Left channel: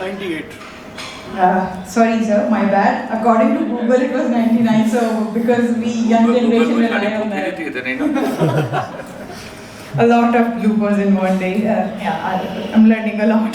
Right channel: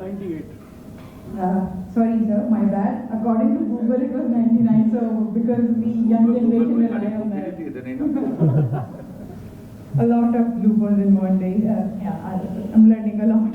98 sorry sir, my bad. According to Google it was 99, so because we young generation rely on that. A lot of bloopers in one day. Yeah, I'm learning a lot.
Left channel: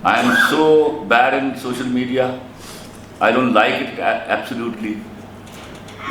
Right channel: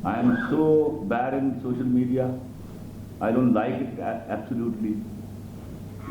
I am so bad in social media. I don't like it absolutely.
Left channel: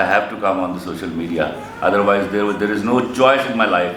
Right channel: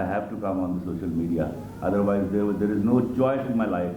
I have to come on the social media. Otherwise there is no choice in my life.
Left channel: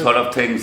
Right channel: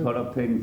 sort of things।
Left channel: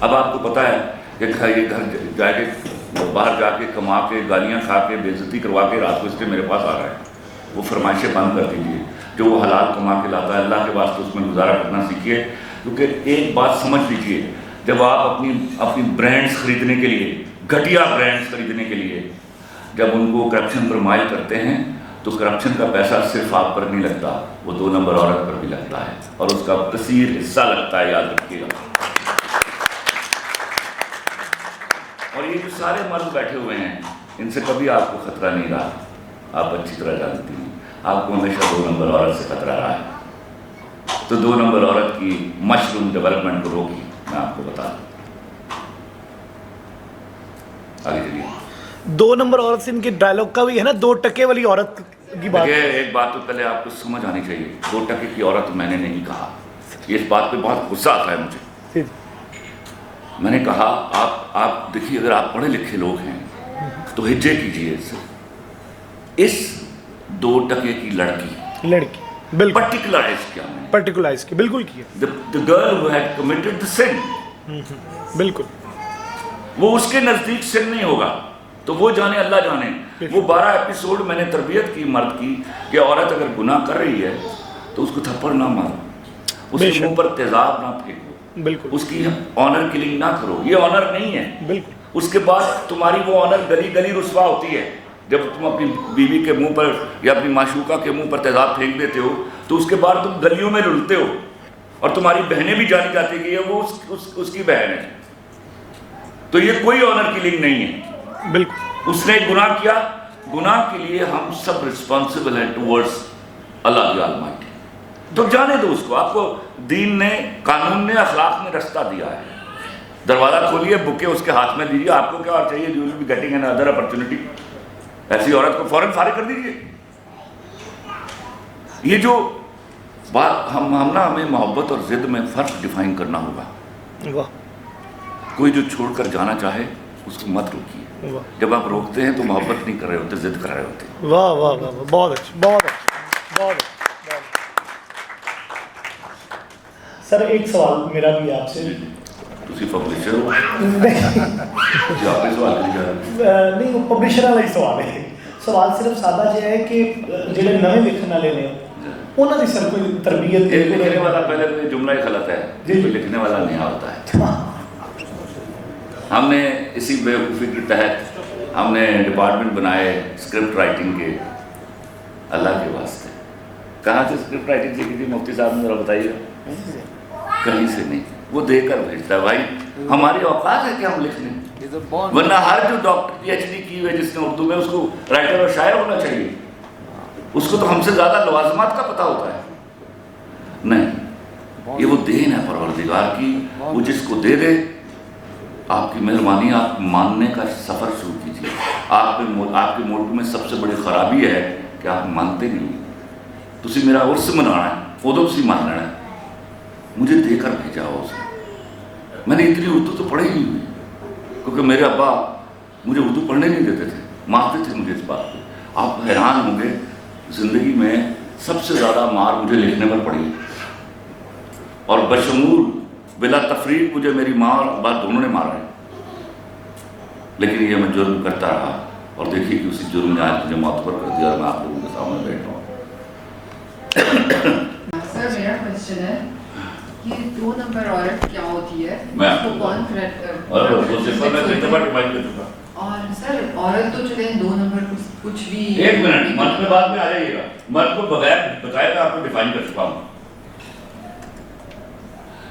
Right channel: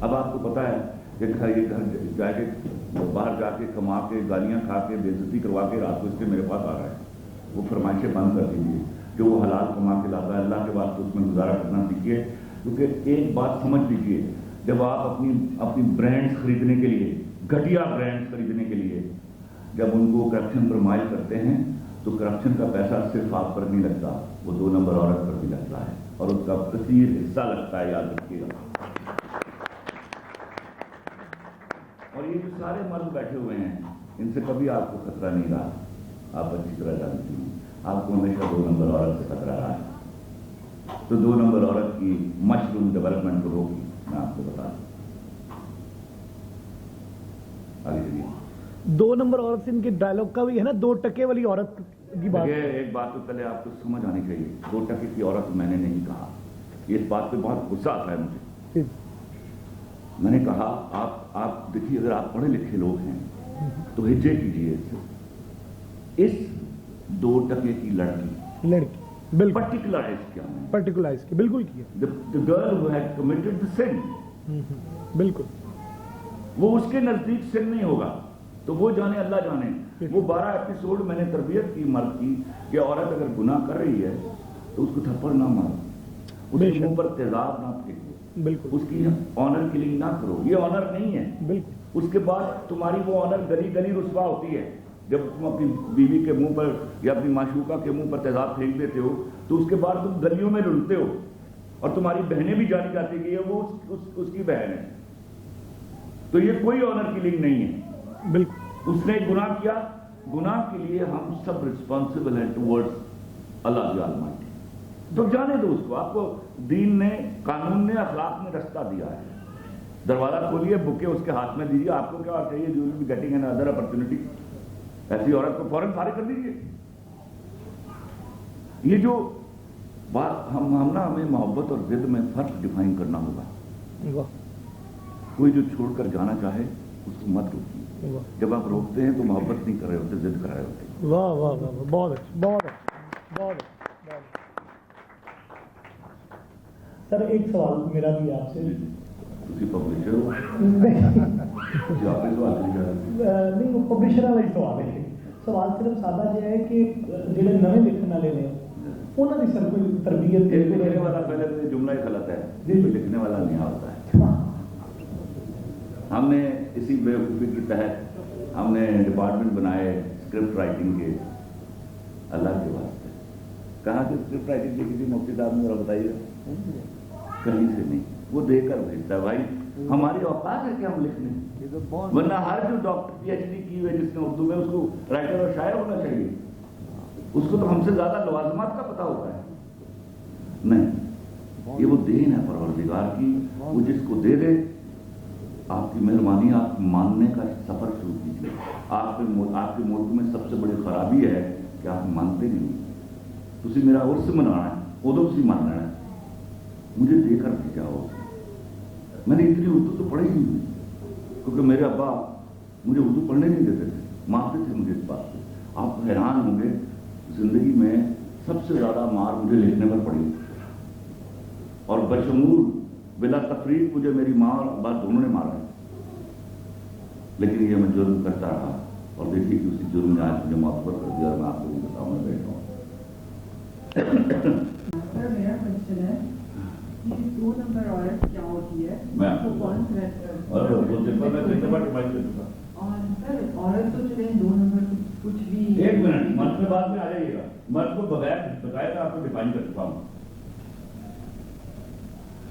اب آپ کو پتہ ہے کہ یہ گھر جا کے باہر جا کے کما کے گالیاں کھا کے بے عزتی کروا کے رات کو اس لیے میرے پاس آ رہا ہے. وہ فرمائشیں بند کر دیجیے. جو وہ حلال کما کے لاتا ہے اللہ کے واسطے اس میں گزارا کرنا سیکھیے. کیونکہ ایک بات سمجھ لیجیے, جب آپ اپنی برانڈس خریدنے کے لیے, گھٹیا برانڈس خریدنے کے لیے جب ان کو کرپشن پر مائل کرتے ہیں تو کرپشن کا پیسہ صرف آپ پر نہیں لگتا, وہ 2 نمبر عورت پر بھی لگتا ہے اور اس کا کثیر حصہ لگتا ہے, یاد رکھیے گا. اور یہ جو سارے مرد بیٹھے ہوئے ہیں ان سے کبھی آپ کو خطرہ نہیں رہا, آپ اچھی طرح جانتی ہیں. آپ کو ہمیشہ 2 نمبر عورت سے خطرہ رہا ہے. تو 2 نمبر عورت کی مشروم ڈیولپمنٹ کو روکی, میں آپ کو بتا دوں. آگے چلیے. 2 نمبر عورت سے ان کے ڈائلاگ کا بھی ہے نا, 2 ٹکے والی عورت کی بات. ایک بات تو پہلے آپ کو سمجھ آنی چاہیے, 2 ٹکے کی عورت میں نے نہیں کہا. یہ اس بات پہ بہت غصہ آتا ہے مجھے. میں نے کہا آپ دیکھیے, اگر آپ پڑھے لکھے لوگ ہیں تو ہجے کیجیے اس سے. اس 2 ٹکے کی لڑکی بالکل پرٹیکولرائز کیا میں نے, پرٹیکولرائز کی بالکل کیا. the girl who had committed the sin, بالکل وہ اس کے نزدیک سن نہیں ہوگا تو وہ جانے, اللہ جانے. وہ 12 ایپیسوڈ میں نے تربیت کی مرد کی کہ عورت اگر گناہ کر رہی ہے تو اس کو تھپڑ نہ مارو, اس کے منہ پر تیزاب نہ پھینکو, بالکل اس کی آنر کلنگ نہ کرو. یہ آنر نہیں ہے. بالکل. اس کے بعد تمہاری وہ آنر گلی گلی رسوا ہوتی ہے جب تم اپنی بیوی کے منہ پر یا اپنی معشوقہ کے منہ پر تیزاب پھینک دیتے ہو تو اس کے بعد تم گلیوں میں رلتے ہو اور تمہاری بہنیں بھی جانی جاتی کہ یہ وہ اس کی بہن ہے. تو یہ کوئی آنر کلنگ نہیں ہے. بالکل. اس نے گناہ کیا, گناہ کے لیے ہم سب رسپانسبل ہیں ٹورڈز اللہ دی آلمائٹی. تو جانے دو اس کو. آپ کو دین نے, قانون نے, اخلاق نے رستہ دیا ہے. دروازہ کھولیے, بکے اس کے ہاتھ میں دیجیے. آپ کو کیا اور چاہیے, you will be getting another opportunity. ایسی عورت کو فوراً فارغ کر دیجیے. یہ جو بات ہمیں محبت اور ضد میں فرق ڈیفائن کرنا ہوگا. کوئی جو چھوڑ کر جانا چاہے اس کو مت روکیے. جب آپ روکتے ہیں تو محبت نہیں کر رہے ہوتے, ضد کر رہے ہوتے. واہ واہ واہ, بہت اچھا, بہت اچھا, بہت اچھا. سر ایک سوال میرا بھی آپ سے. تسی پبلشر ہو جی, آپ نے سوال کیا نہیں, وہ پبلشر والا ہی سوال ہے. سوال صرف سادہ یہ ہے کہ جڑے نئے لکھن والے نے انہوں نے سر کوئی تربیت. لکھنے والا پہلے تو یہ جملہ ہی غلط ہے, لکھنے والا نہیں ہوتا ہے. ہم نے اسی بیوقوفی کے تحت ہم نے ڈپارٹمنٹ بنائے اسکرپٹ رائٹنگ کے. اللہ کے واسطے کہاں سے اسکرپٹ رائٹنگ سیکھی تھی مفتی صاحب نے, ذرا بتائیے. کہیں سے نہیں, وہ دے کر بھیجتا ہے. بھائی ہماری اوقات ہے کہ ہم لکھ لیں, ورنہ ہر جو ڈاکٹر PhD کی ہوئے جس نے اردو میں, اس کو رائٹر اور شاعر ہونا چاہیے. اس کو تو ہم سے زیادہ لوازمات کا پتہ ہوتا ہے. نہیں, یہ وہ دین ہے پروردگار کی, وہ جس کو دے دے. آپ کی مہربانی, آپ ماننے کا سفر شروع کیجیے. آپ کے ملک میں سب سے بڑی خرابی ہے کہ آپ مانتے نہیں. تسی میرا عرس منانا ہے, ادو تسی مان لینا ہے. مجھے دے کر بھیجا ہو اسے. میں نے اتنی اردو تو پڑھی نہیں ہوئی, کیونکہ میرے ابا مجھے اردو پڑھنے نہیں دیتے تھے, مارتے تھے مجھے اس بات پہ. آپ حیران ہوں گے, زندگی میں سب سے زیادہ مار مجھے لکھنے پر پڑی, اور بشمول بلا تفریق مجھے میری ماں اور ابا دونوں نے مارا ہے. لیکن یہ میں جرم کرتا رہا, اور دیکھیے کہ اسی جرم نے آج مجھے معتبر کر دیا اور میں آپ لوگوں کے سامنے بیٹھ رہا ہوں. سر میرا کوشچن ہے کہ 2 نمبر عورت کیا ہوتی ہے, اس کو کون اور سر عورت تو چلے 2 نمبر کچھ بھی. ایک منٹ, مرد میں بعد میں آ جائیے گا. مرد کو بغیر بتایا تھا آپ کو ڈیفائن کر چکا ہوں.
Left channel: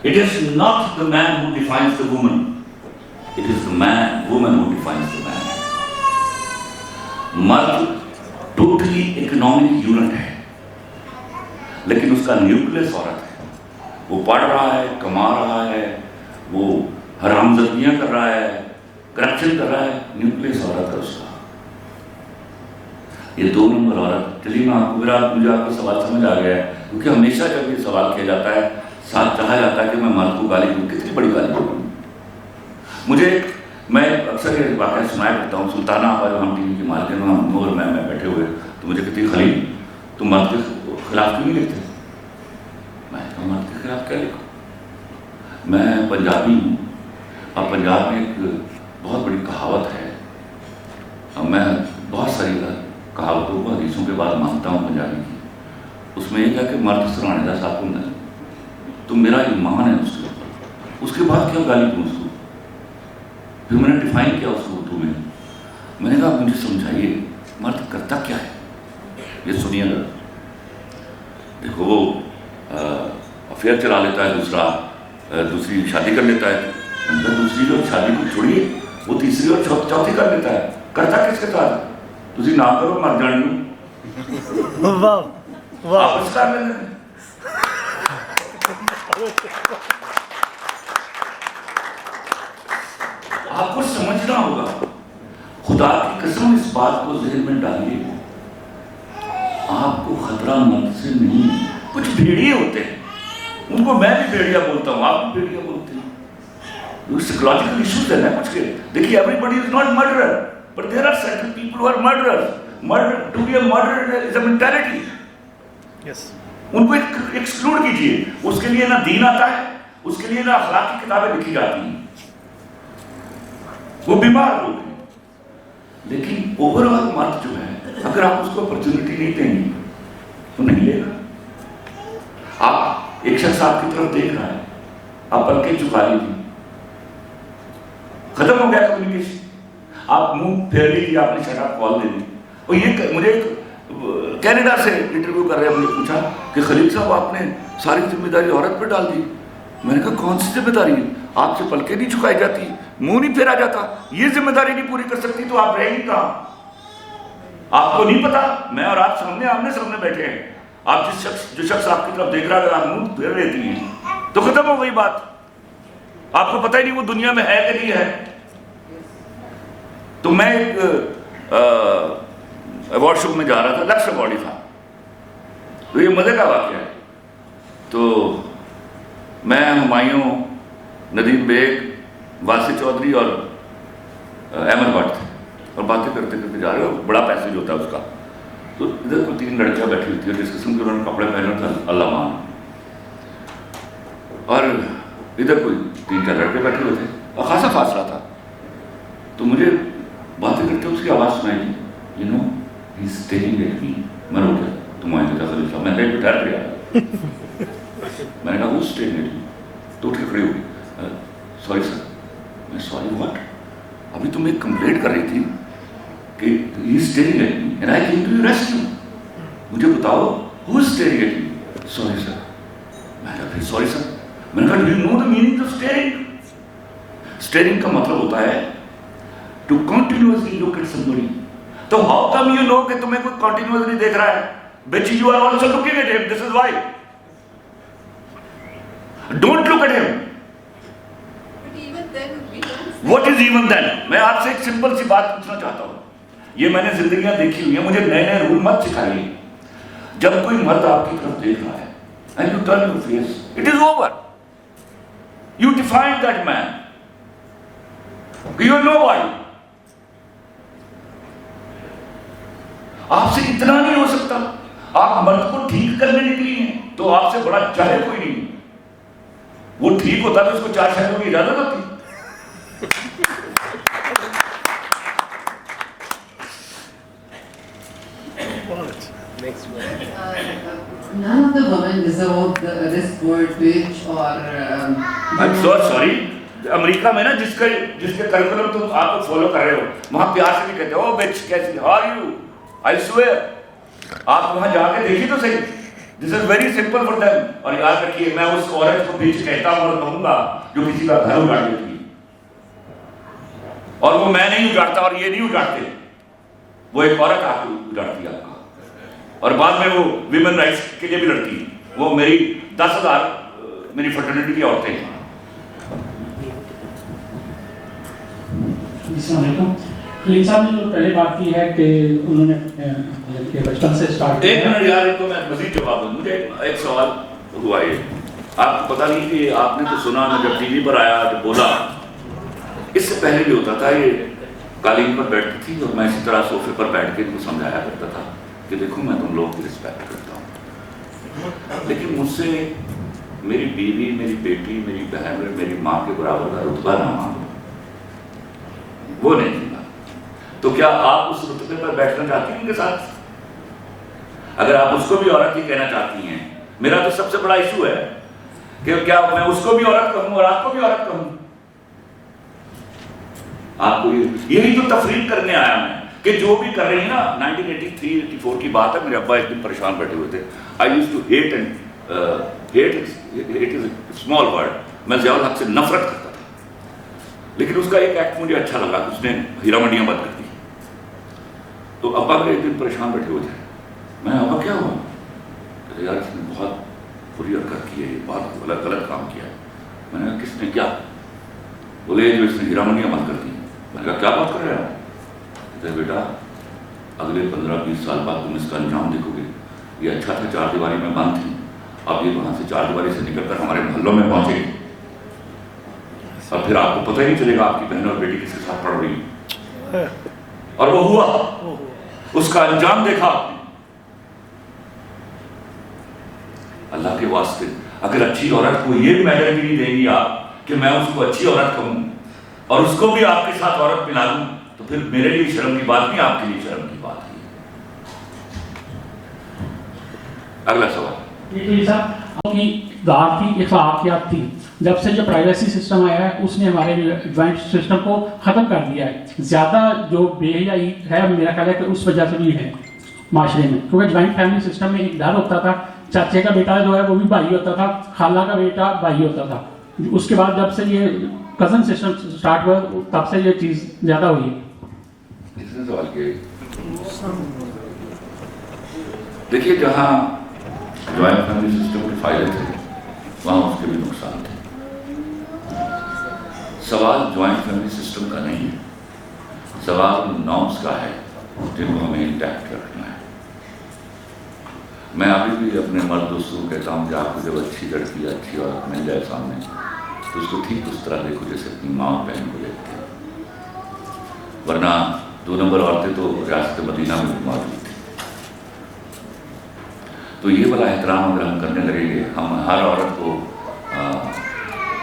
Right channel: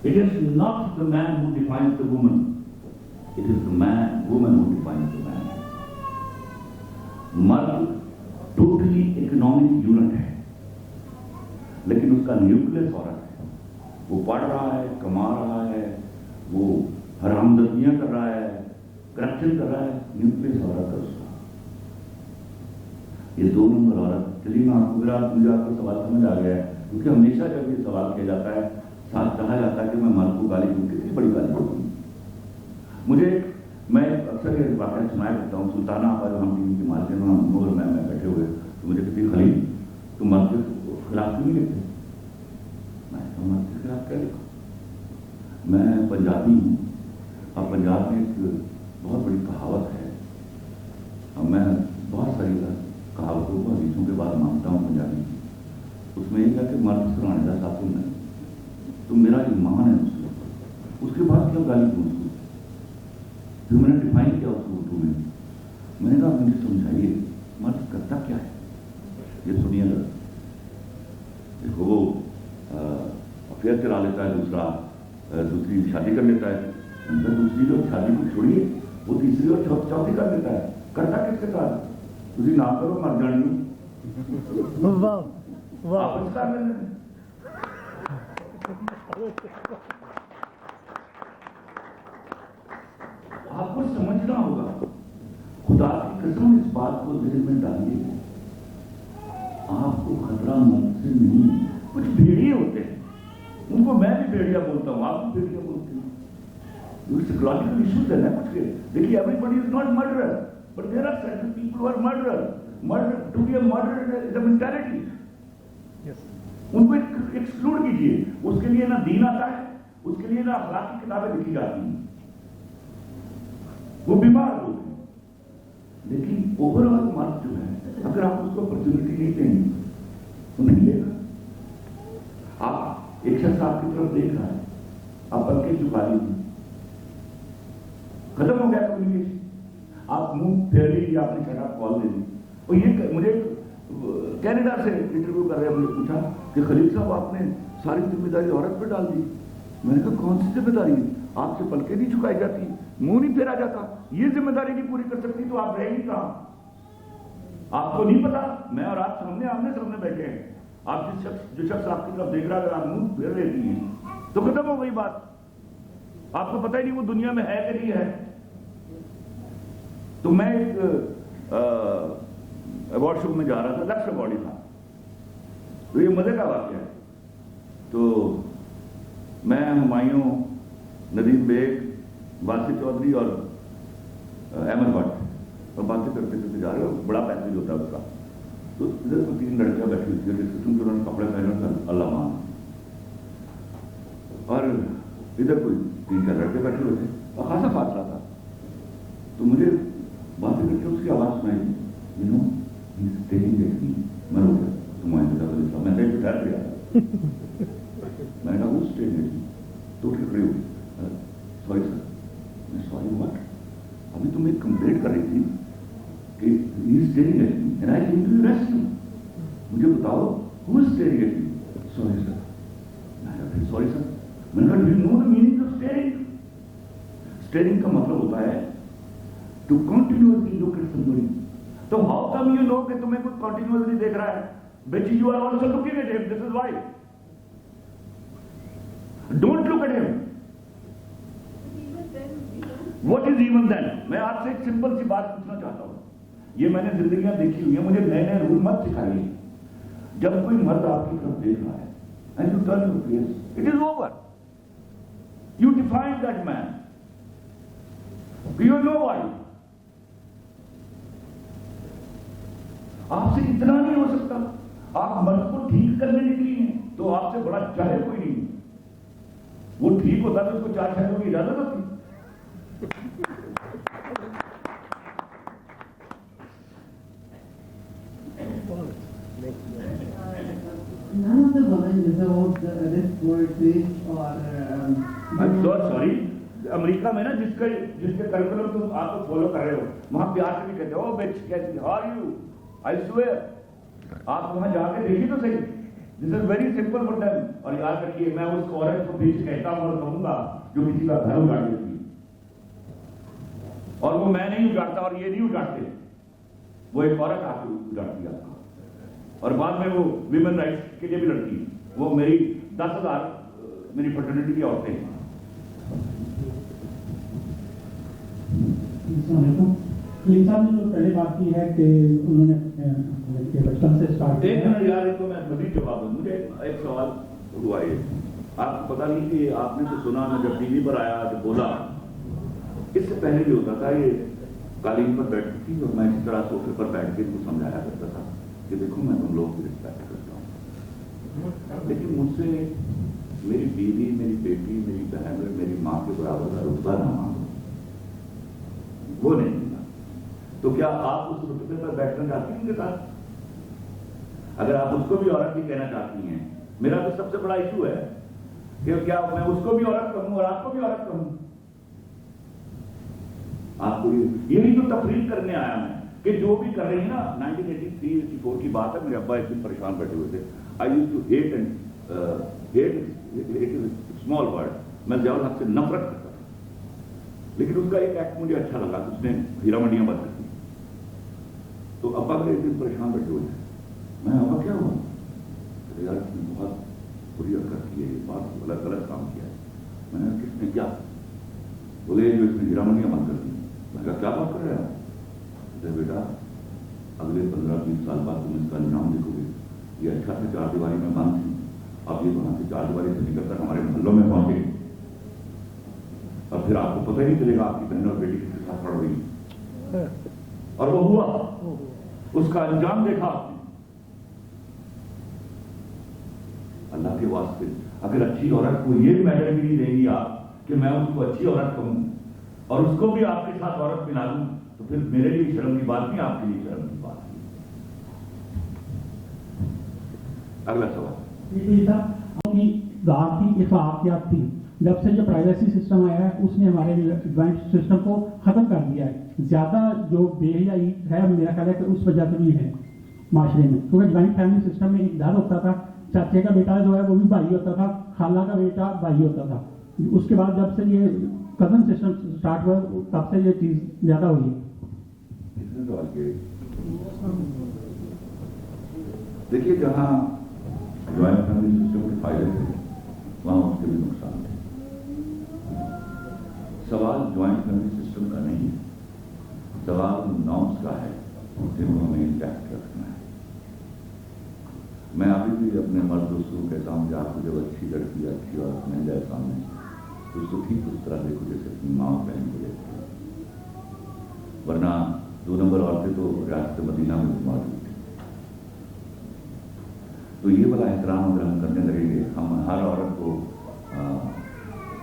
It is not the man who defines the woman. It is the woman who defines the man. مرد ٹوٹلی اکنامک یونٹ ہے, لیکن اس کا نیوکلیس عورت ہے. وہ پڑھ رہا ہے, کما رہا ہے, وہ حرام زدیاں کر رہا ہے, کرپشن کر رہا ہے, نیوکلیس عورت ہے اس کا. یہ 2 نمبر عورت. چلیے میں آپ کو, مجھے آپ کا سوال سمجھ آ گیا ہے, کیونکہ ہمیشہ جب یہ سوال کیا جاتا ہے ساتھ چاہا جاتا ہے کہ میں مرد کو گالی دوں. کتنی بڑی گالی دوں مجھے. میں اکثر یہ واقعہ سنایا کرتا ہوں. سلطانہ آباد ہم ٹی وی کے مالکن, ہم نور میں بیٹھے ہوئے, تو مجھے کہتی خلیل تم مرد کے خلاف کیوں نہیں لکھتے؟ میں مرد کے خلاف کیا لکھوں؟ میں پنجابی ہوں, اب پنجاب میں ایک بہت بڑی کہاوت ہے، اب میں بہت ساری کہاوتوں کو حدیثوں کے بعد مانتا ہوں پنجابی کی، اس میں یہ کہا کہ مرد سرانے کا ساتھ ہوں، تو میرا ایمان ہے اس کے اوپر، اس کے بعد کیا گالی دوں اس کو؟ پھر میں نے ڈیفائن کیا اس کو اردو میں نے کہا مجھے سمجھائیے مرد کرتا کیا ہے؟ یہ سنیے گا، دیکھو وہ افیئر چلا لیتا ہے، دوسری شادی کر لیتا ہے، دوسری جو شادی کو چھوڑیے وہ تیسری اور چوتھی کر لیتا ہے، کرتا کس کے ساتھ؟ تسی نہ کرو مر جانی واپس کر لینا۔ آپ کو سمجھنا ہوگا، خدا کی قسم اس بات کو ذہن میں ڈالیے، آپ کو خطرہ مرد سے نہیں، کچھ بھیڑیے ہوتے ہیں، ان کو میں بھی بھیڑیا بولتا ہوں، آپ بھی بھیڑیا بولتے ہیں، سائیکولوجیکل ایشوز ہیں نا کچھ کے۔ دیکھیے everybody is not murderer but there are certain people who are murderers. Murder to be a murderer is a mentality, ان کو ایکسکلوڈ کیجیے، اس کے لیے نہ دین آتا ہے، اس کے لیے نہ اخلاقی کتابیں لکھی جاتی ہیں، وہ بیمار لوگ ہیں۔ لیکن اوور آل مرد جو ہے اگر آپ اس کو اپرچونٹی نہیں دیں گے تو نہیں لے گا۔ آپ ایک شخص آپ کی طرف دیکھ رہا ہے، آپ پلکیں چکا لیجیے، ختم ہو گیا کمیونیکیشن، آپ منہ پھیر لیجیے، آپ نے شٹ اپ کال دے دی۔ اور یہ مجھے کینیڈا سے انٹرویو کر رہے ہیں، مجھے پوچھا کہ خلیل صاحب آپ نے ساری ذمہ داری عورت پہ ڈال دی۔ میں نے کہا کون سی ذمہ داری ہے؟ آپ سے پلکیں نہیں چکائی جاتی، منہ نہیں پھیرا جاتا، یہ ذمہ داری نہیں پوری کر سکتی تو آپ رہیں گی کہاں؟ آپ کو نہیں پتا، میں اور آپ آمنے سامنے بیٹھے ہیں، آپ جو شخص آپ کی طرف دیکھ رہا ہے اگر آپ منہ پھیر لیتی ہیں تو ختم ہو گئی بات، آپ کو پتہ ہی نہیں وہ دنیا میں ہے کہ نہیں ہے۔ تو میں ایک ایوارڈ شو میں جا رہا تھا، لکس ایوارڈ تھا، تو یہ مزے کا واقعہ ہے۔ تو میں، ہمایوں، ندیم بیگ، واسی چودھری اور احمد بٹ تھے، اور باتیں کرتے کرتے جا رہے ہو، بڑا پیسیج ہوتا ہے اس کا۔ تو ادھر کوئی 3 لڑکیاں بیٹھی ہوتی ہے، جس قسم کے انہوں نے کپڑے پہنے تھے اللہ مان، اور ادھر کوئی 3-4 لڑکے بیٹھے ہوئے تھے اور خاصا فاصلہ تھا۔ تو مجھے باتیں کرتے اس کی آواز سنائی دی، you know he is staring at me. میں رو گیا، تم آئیں گے خلیل صاحب، میں بیٹھ ٹھہر گیا، میں نے کہا وہ اسٹیئرنگ ایٹ می، تو اٹھ کے کھڑی ہو گئی، سوری سر۔ میں سوری واٹ؟ ابھی تم ایک کمپلینٹ کر رہی تھی کہ he is staring at me and I came to your rescue, مجھے بتاؤ who is staring at me? Sorry sir. میں نے کہا پھر سوری سر؟ میں نے کہا do you know the meaning of staring? Staring کا مطلب ہوتا ہے to continuously look at somebody. تو how come you know کہ تمہیں کوئی continuously دیکھ رہا ہے؟ Bitch, you are also looking at him, this is why. Don't look at him. But even then, we don't. What is even then? میں آپ سے ایک سمپل سی بات پوچھنا چاہتا ہوں، یہ میں نے زندگیاں دیکھی ہوئی ہیں، مجھے نئے نئے رول مت سکھائیے۔ جب کوئی مرد آپ کی طرف دیکھ رہا ہے and you turn your face, it is over. You define that man. You know why. آپ سے اتنا نہیں ہو سکتا، آپ مرد کو ٹھیک کرنے نکلی ہیں تو آپ سے بڑا جاہل کوئی نہیں، وہ ٹھیک ہوتا تو اس کو 4 شہروں کی اجازت ہوتی۔ None of the women deserve this word bitch or. I'm so sorry. امریکہ میں نا جس کے کریکولم تم آپ کو فالو کر رہے ہو، وہاں پیار سے نہیں کہتے او بچ کیسی how are you, I swear. آپ وہاں جا کے دیکھیے تو صحیح، this is very simple for them. اور یاد رکھیے میں اس عورت کو بیچ کہتا ہوں اور کہوں گا جو کسی کا گھر اجاڑ دیتی ہے، اور وہ میں نہیں اجاڑتا اور یہ نہیں اجاڑتے، وہ ایک عورت آ کے اجاڑتی ہے آپ کا، اور بعد میں وہ ویمن رائٹس کے لیے بھی لڑتی ہے۔ وہ میری 10,000 میری فرٹرنیٹی کی عورتیں ہیں۔ السلام علیکم۔ خلیل صاحب نے جو پہلے بات کی ہے کہ انہوں نے بچپن سے اسٹارٹ ایک منٹ یار، ان کو میں مزید جواب دوں۔ مجھے ایک سوال ہوا ہے، آپ کو پتہ نہیں کہ آپ نے تو سنا، میں جب ٹی وی پر آیا جب بولا، اس سے پہلے بھی ہوتا تھا، یہ قالین پر بیٹھتی تھی اور میں اسی طرح صوفے پر بیٹھ کے ان کو سمجھایا کرتا تھا کہ دیکھو میں تم لوگ کی رسپیکٹ کرتا ہوں، لیکن مجھ سے میری بیوی، میری بیٹی، میری بہن، میری ماں کے برابر کا رتبہ نہ مانگو۔ وہ نہیں تھی بات. تو کیا آپ اس رتبے پر بیٹھنا چاہتی ہیں ان کے ساتھ؟ اگر آپ اس کو بھی عورت ہی کہنا چاہتی ہیں، میرا تو سب سے بڑا ایشو ہے کہ کیا میں اس کو بھی عورت کہوں اور آپ کو بھی عورت کہوں؟ آپ کو یہی تو تفریق کرنے آیا میں کہ جو بھی کر رہی ہیں نا. 1983-84 کی بات ہے، میرے ابا ایک دن پریشان بیٹھے ہوئے تھے. I used to hate and hate is a small word. میں ضیاء الحق سے نفرت کرتا تھا، لیکن اس کا ایک ایکٹ مجھے اچھا لگا، اس نے ہیرا منڈیاں بند کر دی. تو ابا میرے ایک دن پریشان بیٹھے ہوئے تھے. میں ابا کیا ہوا؟ کہتے یار اس نے بہت بری حرکت کی ہے، بہت غلط کام کیا ہے. میں نے کہا کس نے کیا؟ بولے جو اس نے ہیرا منڈیاں بند کر دی. میں نے کہا کیا بات کر رہے ہیں؟ کہتے بیٹا اگلے 15-20 سال بعد تم اس کا انجام دیکھو گے. یہ اچھا تھا 4 دیواری میں بند تھی، اب یہ وہاں سے 4 دیواری سے نکل کر ہمارے محلوں میں پہنچے گی، اور پھر آپ کو پتہ ہی نہیں چلے گا آپ کی بہن اور بیٹی کس کے ساتھ پڑھ رہی ہے. اور وہ ہوا، اس کا انجام دیکھا آپ نے. اللہ کے واسطے اگر اچھی عورت کو یہ میٹر بھی نہیں دیں گی آپ کہ میں اس کو اچھی عورت کہوں اور اس کو بھی آپ کے ساتھ عورت ملا دوں، تو پھر میرے لیے شرم کی بات نہیں، آپ کے لیے شرم کی بات ہے. اگلا سوال. یہ صاحب کی دار تھی، اخلاقیات تھی. جب سے جو پرائیویسی سسٹم آیا ہے اس نے ہمارے جوائنٹ سسٹم کو ختم کر دیا ہے. زیادہ جو بے حیائی ہے میرا خیال ہے کہ اس وجہ سے بھی ہے معاشرے میں، کیونکہ جوائنٹ فیملی سسٹم میں ایک ڈر ہوتا تھا، چاچے کا بیٹا جو ہے وہ بھی بھائی ہوتا تھا، خالہ کا بیٹا بھائی ہوتا تھا. اس کے بعد جب سے یہ کزن سسٹم سٹارٹ ہوا تب سے یہ چیز زیادہ ہوئی ہے. اتنے سوال کیے. دیکھیے جہاں جوائنٹ فیملی سسٹم کے فائدے تھے وہاں اس کے بھی نقصان تھے. سوال جوائنٹ فیملی سسٹم کا نہیں ہے، سوال نارمس کا ہے جن کو ہمیں انٹیکٹ رکھنا ہے. میں ابھی بھی اپنے مرد دوستوں کو کہتا ہوں کہ آپ کو جب اچھی لڑکی اچھی عورت مل جائے سامنے تو اس کو ٹھیک اس طرح دیکھو جیسے اپنی ماں اور بہن کو دیکھتے ہیں، ورنہ 2 نمبر عورتیں تو ریاست مدینہ میں موجود تھیں. تو یہ والا احترام اگر ہم کرنے لگیں گے، ہم ہر عورت کو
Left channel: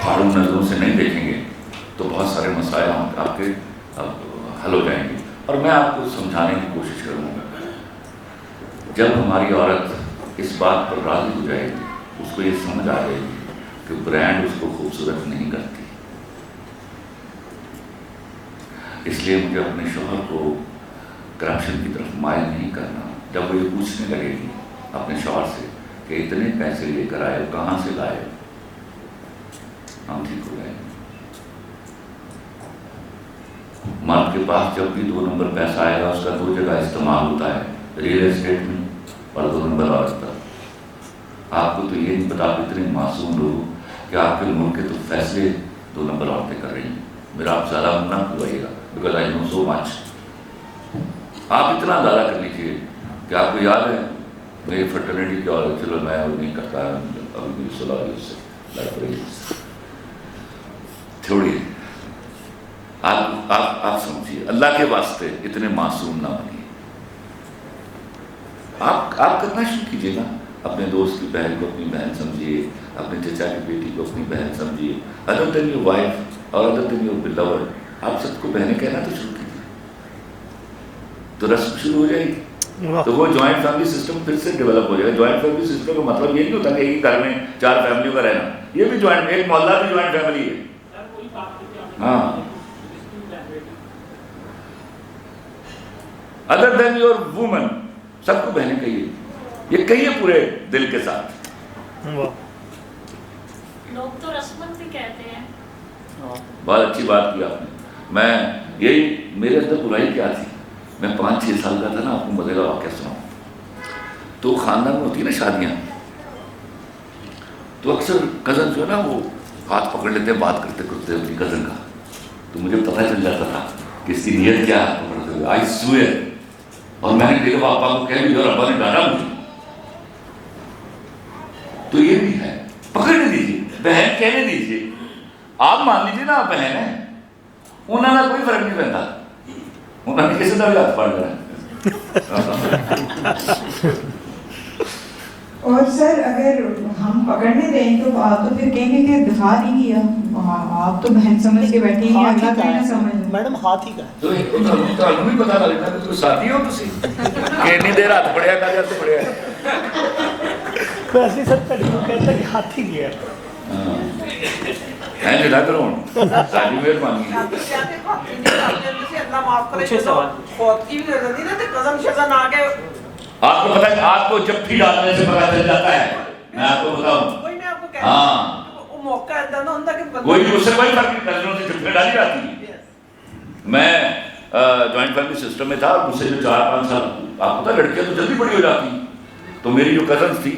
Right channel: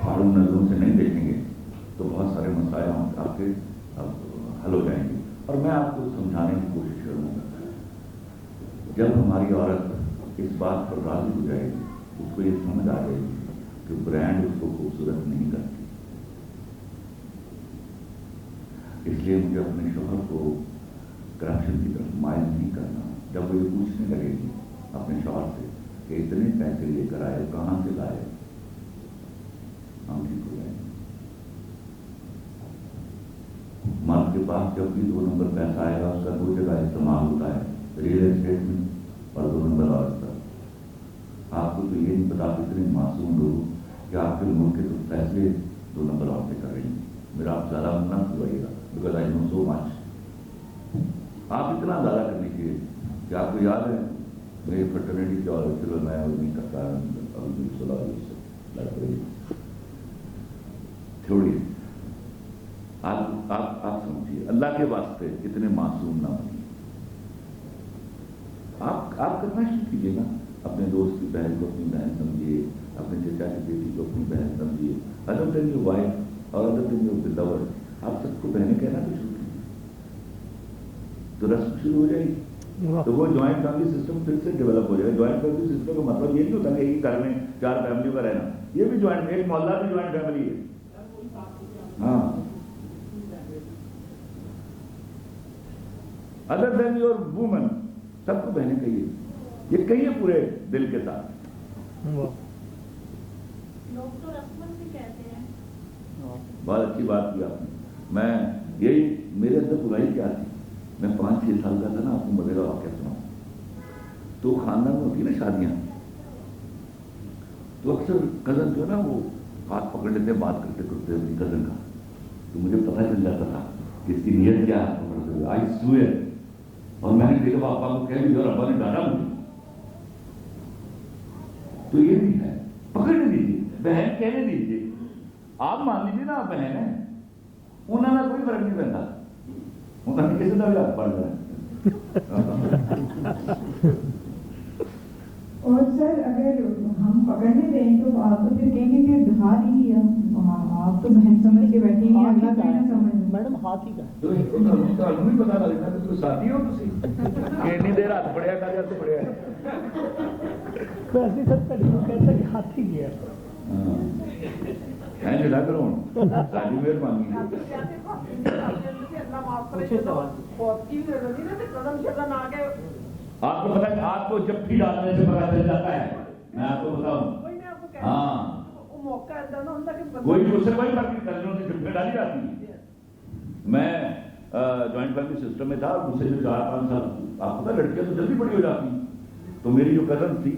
پھاڑوں نظروں سے نہیں دیکھیں گے، تو بہت سارے مسائل آپ کے حل ہو جائیں گے. اور میں آپ کو سمجھانے کی کوشش کروں گا، جب ہماری عورت اس بات پر راضی ہو جائے گی، اس کو یہ سمجھ آ جائے گی کہ برانڈ اس کو خوبصورت نہیں کرتی. اس لیے مجھے اپنے شوہر کو کرپشن کی طرف مائل نہیں کرنا. جب وہ یہ پوچھنے لگے گی اپنے شوہر سے کہ اتنے پیسے لے کر آئے، کہاں سے لائے، ہم ٹھیک ہو جائیں گے. مرد کے پاس جب بھی 2 نمبر پیسہ آئے گا اس کا 2 جگہ استعمال ہوتا ہے، ریئل اسٹیٹ میں اور 2 نمبر عورت پر. آپ کو تو یہ نہیں پتا، آپ اتنے معصوم لوگ کہ آپ کے ملک کے تو فیصلے 2 نمبر عورتیں کر رہی ہیں. میرا آپ زیادہ نہ کھلوائیے گا بیکاز آئی نو سو مچ. آپ اتنا زیادہ کر لیجیے کہ آپ کو یاد ہے میری فرٹرنیٹی کی عورت، چلو میں وہ نہیں کرتا، ابھی میری صلاح اس سے لڑ رہی تھوڑی. آپ سمجھیے، اللہ کے واسطے اتنے معصوم نہ بنیے. آپ کرنا شروع کیجیے نا. اپنے دوست کی بہن کو اپنی بہن سمجھیے، اپنے چچا کی بیٹی کو اپنی بہن سمجھیے. ادر دین یور وائف اور ادر دین یور بلوڈ، آپ سب کو بہنیں کہنا تو شروع کیجیے، تو رسم شروع ہو جائے گی. تو وہ جوائنٹ فیملی سسٹم پھر سے ڈیولپ ہو جائے گا. جوائنٹ فیملی سسٹم کا مطلب یہ نہیں ہوتا کہ ایک گھر میں 4 فیملیوں کا رہنا. یہ بھی جوائنٹ، ایک محلہ بھی جوائنٹ فیملی ہے. ہاں، ادر دین یور وومن، سب کو بہنیں کہیے. یہ کہیے پورے دل کے ساتھ. لوگ تو رسمت بھی کہتے ہیں. بہت اچھی بات کی آپ نے. میں یہی میرے اندر برائی کیا تھی، میں 5-6 سال کا تھا نا. آپ کو مزے کا واقعہ سناؤں. تو خاندان میں ہوتی ہے نا شادیاں، تو اکثر کزن جو ہے نا وہ ہاتھ پکڑ لیتے، بات کرتے کرتے اپنی کزن کا. تو مجھے پتہ چل جاتا تھا کہ اس کی نیت کیا ہے پکڑتے ہوئے. آئی سوئر. اور میں نے کئی دفعہ ابا کو کہہ بھی اور ابا نے ڈالا مجھے. تو یہ بھی ہے، پکڑنے دیجیے، بہن کہنے دیجیے. آپ مان لیجیے نا آپ بہن ہیں، انہوں نے کوئی فرق نہیں پڑتا، انہوں نے کسی طرح ہاتھ پڑ رہا ہے. اور سر اگر ہم پکڑنے دیں تو پھر کہیں گے کہ دفاع نہیں کیا. آپ تو بہن سمجھ کے بیٹھی ہیں, اللہ کا نہ سمجھ. میڈم ہاتھ ہی کا ہے. تو ਤੁਹਾਨੂੰ ਵੀ ਪਤਾ ਲੱਗਦਾ ਕਿ ਤੁਸੀਂ ਸਾਥੀ ਹੋ ਤੁਸੀਂ ਕਿ ਇੰਨੀ ਦੇਰ ਹੱਥ ਫੜਿਆ ਕਰ ਜਾਂ ਫੜਿਆ. ویسے سر کڑی کو کہتا کہ ہاتھ ہی گیا. ہے جدا کرو ساری مہربانی. آپ کو پتا ہے آپ کو جب بھی ڈالنے سے پتا چل جاتا ہے. میں آپ کو بتاؤں ہاں کوئی اس سے کوئی فرق نہیں کرنے سے جب ڈالی جاتی ہے. میں جوائنٹ فیملی سسٹم میں تھا اور مجھ سے جو 4-5 سال آپ کو پتا لڑکیاں تو جلدی بڑی ہو جاتی. تو میری جو کزنس تھی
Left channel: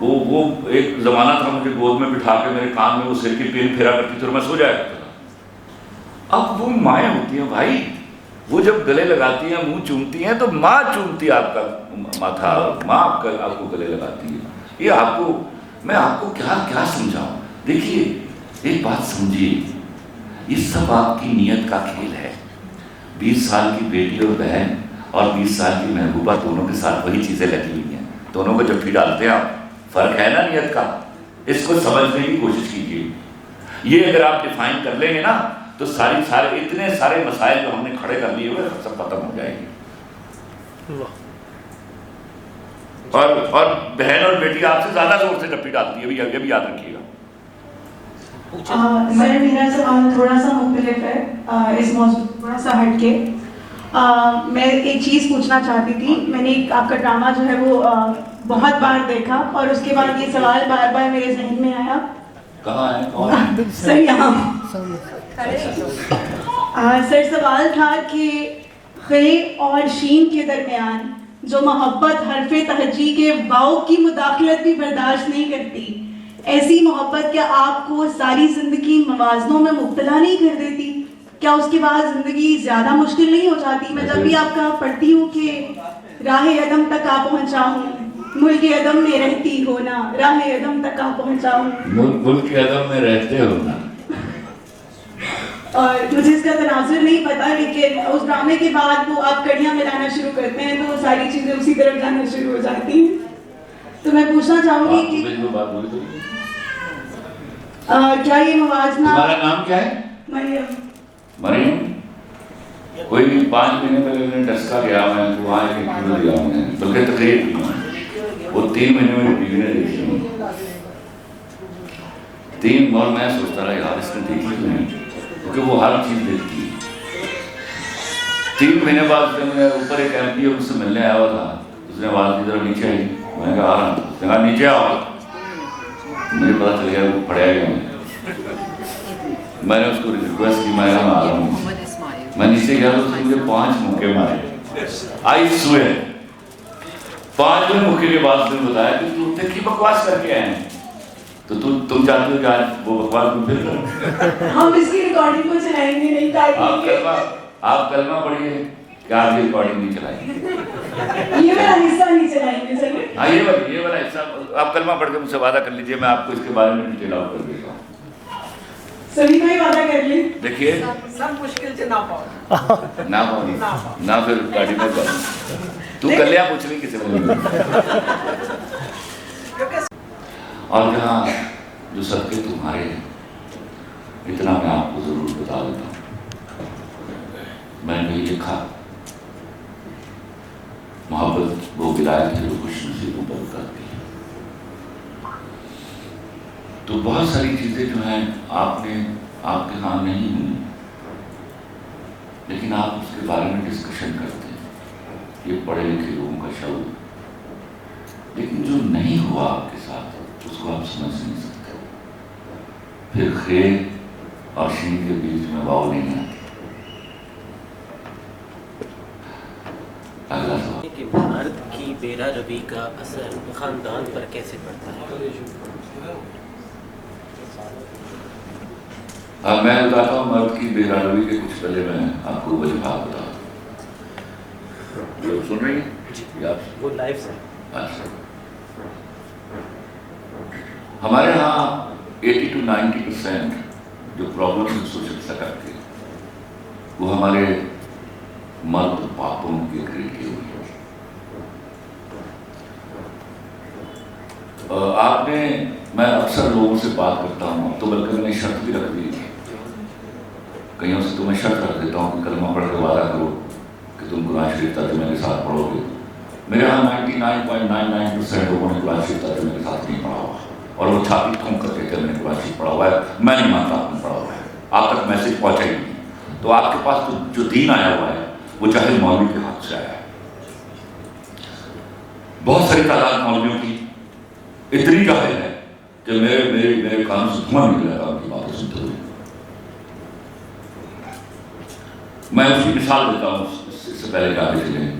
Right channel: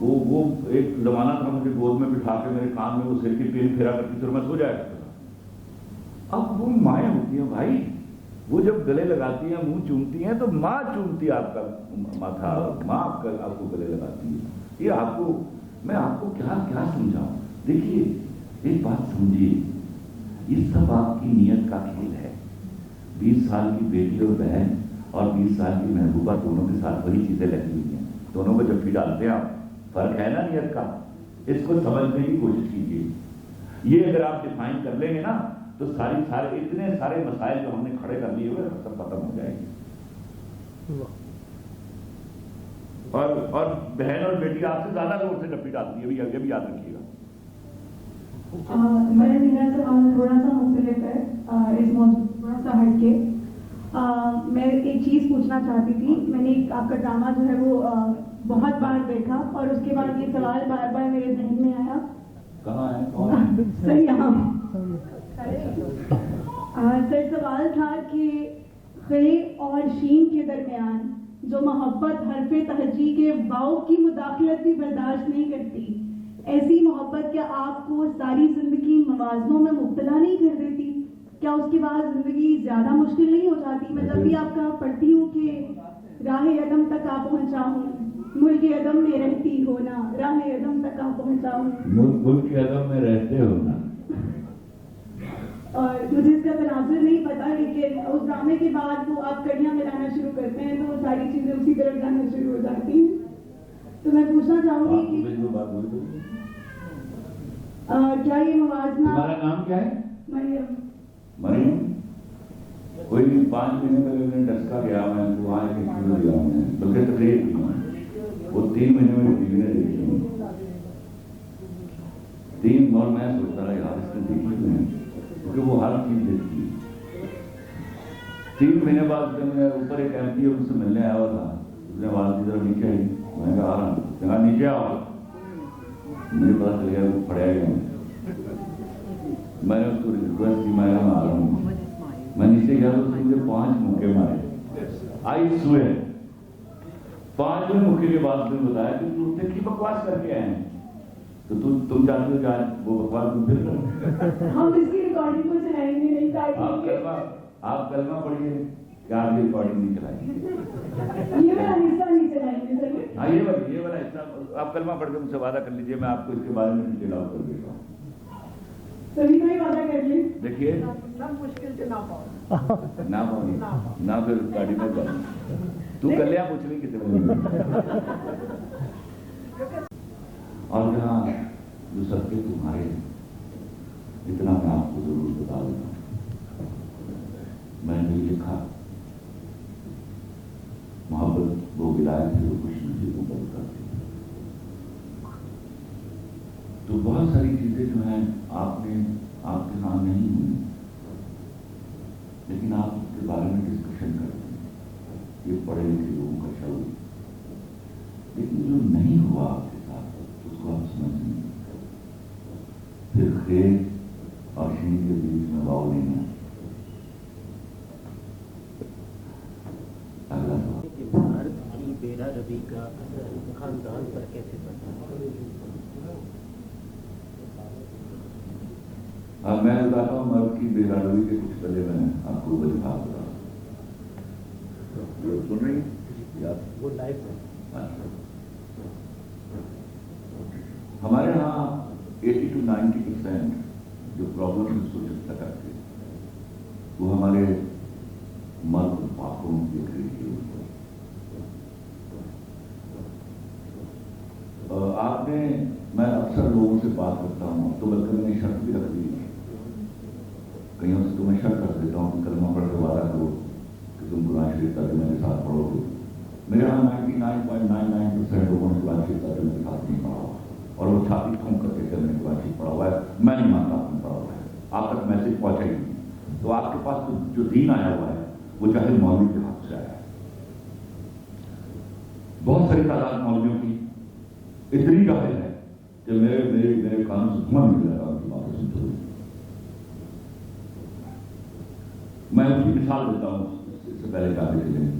وہ ایک زمانہ تھا مجھے گود میں بٹھا کے میرے کان میں وہ سر کی پین پھیرا کرتی تھی اور میں سو جایا کرتا تھا. اب وہ مائیں ہوتی ہیں بھائی, وہ جب گلے لگاتی ہیں منہ چومتی ہیں تو ماں چومتی ہے آپ کا ماتھا, ماں آپ کو گلے لگاتی ہے. یہ آپ کو میں آپ کو کیا سمجھاؤں. دیکھیے ایک بات سمجھیے, یہ سب آپ کی نیت کا کھیل ہے. 20 سال کی بیٹی اور بہن اور 20 سال کی محبوبہ دونوں کے ساتھ وہی چیزیں لگی ہوئی ہیں. دونوں کو جب بھی ڈالتے ہیں آپ, فرق ہے نا نیت کا. اس کو سمجھنے کی کوشش کیجیے. یہ اگر آپ ڈیفائن کر لیں گے نا تو سارے اتنے سارے مسائل جو ہم نے کھڑے کر لیے ہوئے سب ختم ہو جائیں گے. اور بہن اور بیٹی آپ سے زیادہ زور سے ڈپی ڈالتی ہے, یہ بھی یاد رکھیے گا. سر میرا سوال تھوڑا سا مختلف ہے, اس موضوع تھوڑا سا ہٹ کے. میں ایک چیز پوچھنا چاہتی تھی. میں نے آپ کا ڈرامہ جو ہے وہ بہت بار دیکھا اور اس کے بعد یہ سوال بار بار میرے ذہن میں آیا. کہاں ہے سر یہاں سر سوال تھا کہ خے اور شین کے درمیان جو محبت حرف تہجی کے واؤ کی مداخلت بھی برداشت نہیں کرتی, ایسی محبت کیا آپ کو ساری زندگی موازنوں میں مبتلا نہیں کر دیتی؟ کیا اس کے بعد زندگی زیادہ مشکل نہیں ہو جاتی؟ میں جب بھی آپ کا پڑھتی ہوں کہ راہ عدم تک آ پہنچا ہوں, ملک عدم میں رہتی ہو نا, راہ عدم تک آ پہنچا ہوں, ملک عدم میں رہتے ہو نا. اور مجھے اس کا تناظر نہیں پتا, لیکن اس ڈرامے کے بعد وہ آپ کڑیاں ملانا شروع کرتے ہیں تو ساری چیزیں اسی طرف جانا شروع ہو جاتی ہیں. تو میں پوچھنا چاہوں گی کہ کیا یہ موازنہ. تمہارا نام کیا ہے؟ مریم. کوئی 5 مہینے پہلے میں نے ڈسکا گیا, میں وہاں ایک انٹرویو دیا میں نے, بلکہ تقریر کی میں, وہ 3 مہینے میں بیوی نے دیکھی ہوں 3, اور میں سوچتا رہا یار اس نے دیکھی نہیں, کیونکہ وہ ہر چیز دیکھتی ہے. 3 مہینے بعد جب میں اوپر ایک ایم پی اس سے ملنے آیا ہوا تھا, اس نے آواز کی طرف نیچے آئی, میں نے کہا آ رہا ہوں, اس نے کہا نیچے آؤ. مجھے پتا چل گیا وہ پڑھیا گیا. میں نے اس کو ریکویسٹ کی, میں آ رہا ہوں. میں نیچے گیا تو اس نے مجھے 5 مکے مارے. آئی سوئر 5 مکے کے بعد اس نے بتایا کہ تو اتنے کی بکواس کر کے آئے ہیں, تو تم چاہتے ہو کہ آج وہ بکواس میں پھر کرو. ہم اس کی ریکارڈنگ کو چلائیں گے نہیں تاکہ آپ کلمہ پڑھیے کہ آپ کی ریکارڈنگ نہیں چلائیں. یہ والا حصہ نہیں چلائیں گے سر. ہاں یہ والا حصہ آپ کلمہ پڑھ کے مجھ سے وعدہ کر لیجئے, میں آپ کو اس کے بارے میں ڈیٹیل آؤٹ کر دیتا ہوں. سبھی کو ہی وعدہ کر لیں. دیکھیے سب مشکل سے نہ پاؤ نہ پھر گاڑی میں جاؤں. تو کلیاں پوچھ لی کسی نے. اور جہاں جو صدقے تمہارے ہیں, اتنا میں آپ کو ضرور بتا دیتا ہوں. میں نے یہ لکھا, محبت وہ ولایت ہے جو خوش نصیبوں پر اترتی ہے. تو بہت ساری چیزیں جو ہیں آپ کے ہاں نہیں ہوئی, لیکن آپ اس کے بارے میں ڈسکشن کرتے ہیں, یہ پڑھے لکھے لوگوں کا شعور. لیکن جو نہیں ہوا آپ کے ساتھ اس کو آپ سمجھ نہیں سکتے. پھر خیر اور شین کے بیچ میں واؤ نہیں آتی. اگلا سوال کہ مرد کی بیرا روی کا اثر خاندان پر کیسے پڑتا ہے؟ میں بتاتا ہوں مرد کی بیرا روی کے کچھ پہلے میں آپ کو وجوہات بتا. لوگ سن رہی ہیں وہ لائف سے ہمارے ہاں 80 to 90% جو پرابلم سوشل سیٹر کے وہ ہمارے مرد پاپوں کے کریٹ کی ہوئی. آپ نے میں اکثر لوگوں سے بات کرتا ہوں، تو بلکہ میں نے شرط بھی رکھ دی تھی، کئیوں سے تو میں شرط رکھ دیتا ہوں کہ کلمہ پڑھ کے وعدہ کرو کہ تم قرآن شریف ترجمے کے ساتھ پڑھو گے. میرے یہاں 99.99% لوگوں نے قرآن شریف ترجمے کے ساتھ نہیں پڑھا ہوا، اور وہ چھاتی ٹھونک کر کے میں نے قرآن شریف پڑھا ہوا ہے. میں نہیں مانتا آپ نے پڑھا ہوا ہے، آپ تک میسج پہنچا ہی نہیں. تو آپ کے پاس جو دین آیا ہوا ہے وہ چاہے مولوی کے ہاتھ سے آیا ہے. بہت ساری تعداد مولویوں کی اتنی جاہل ہے کہ میرے کانوں سے دھواں نکل رہا ان کی باتیں سنتے ہوئے. میں اس کی مثال دیتا ہوں اس سے پہلے کہ آگے چلیں.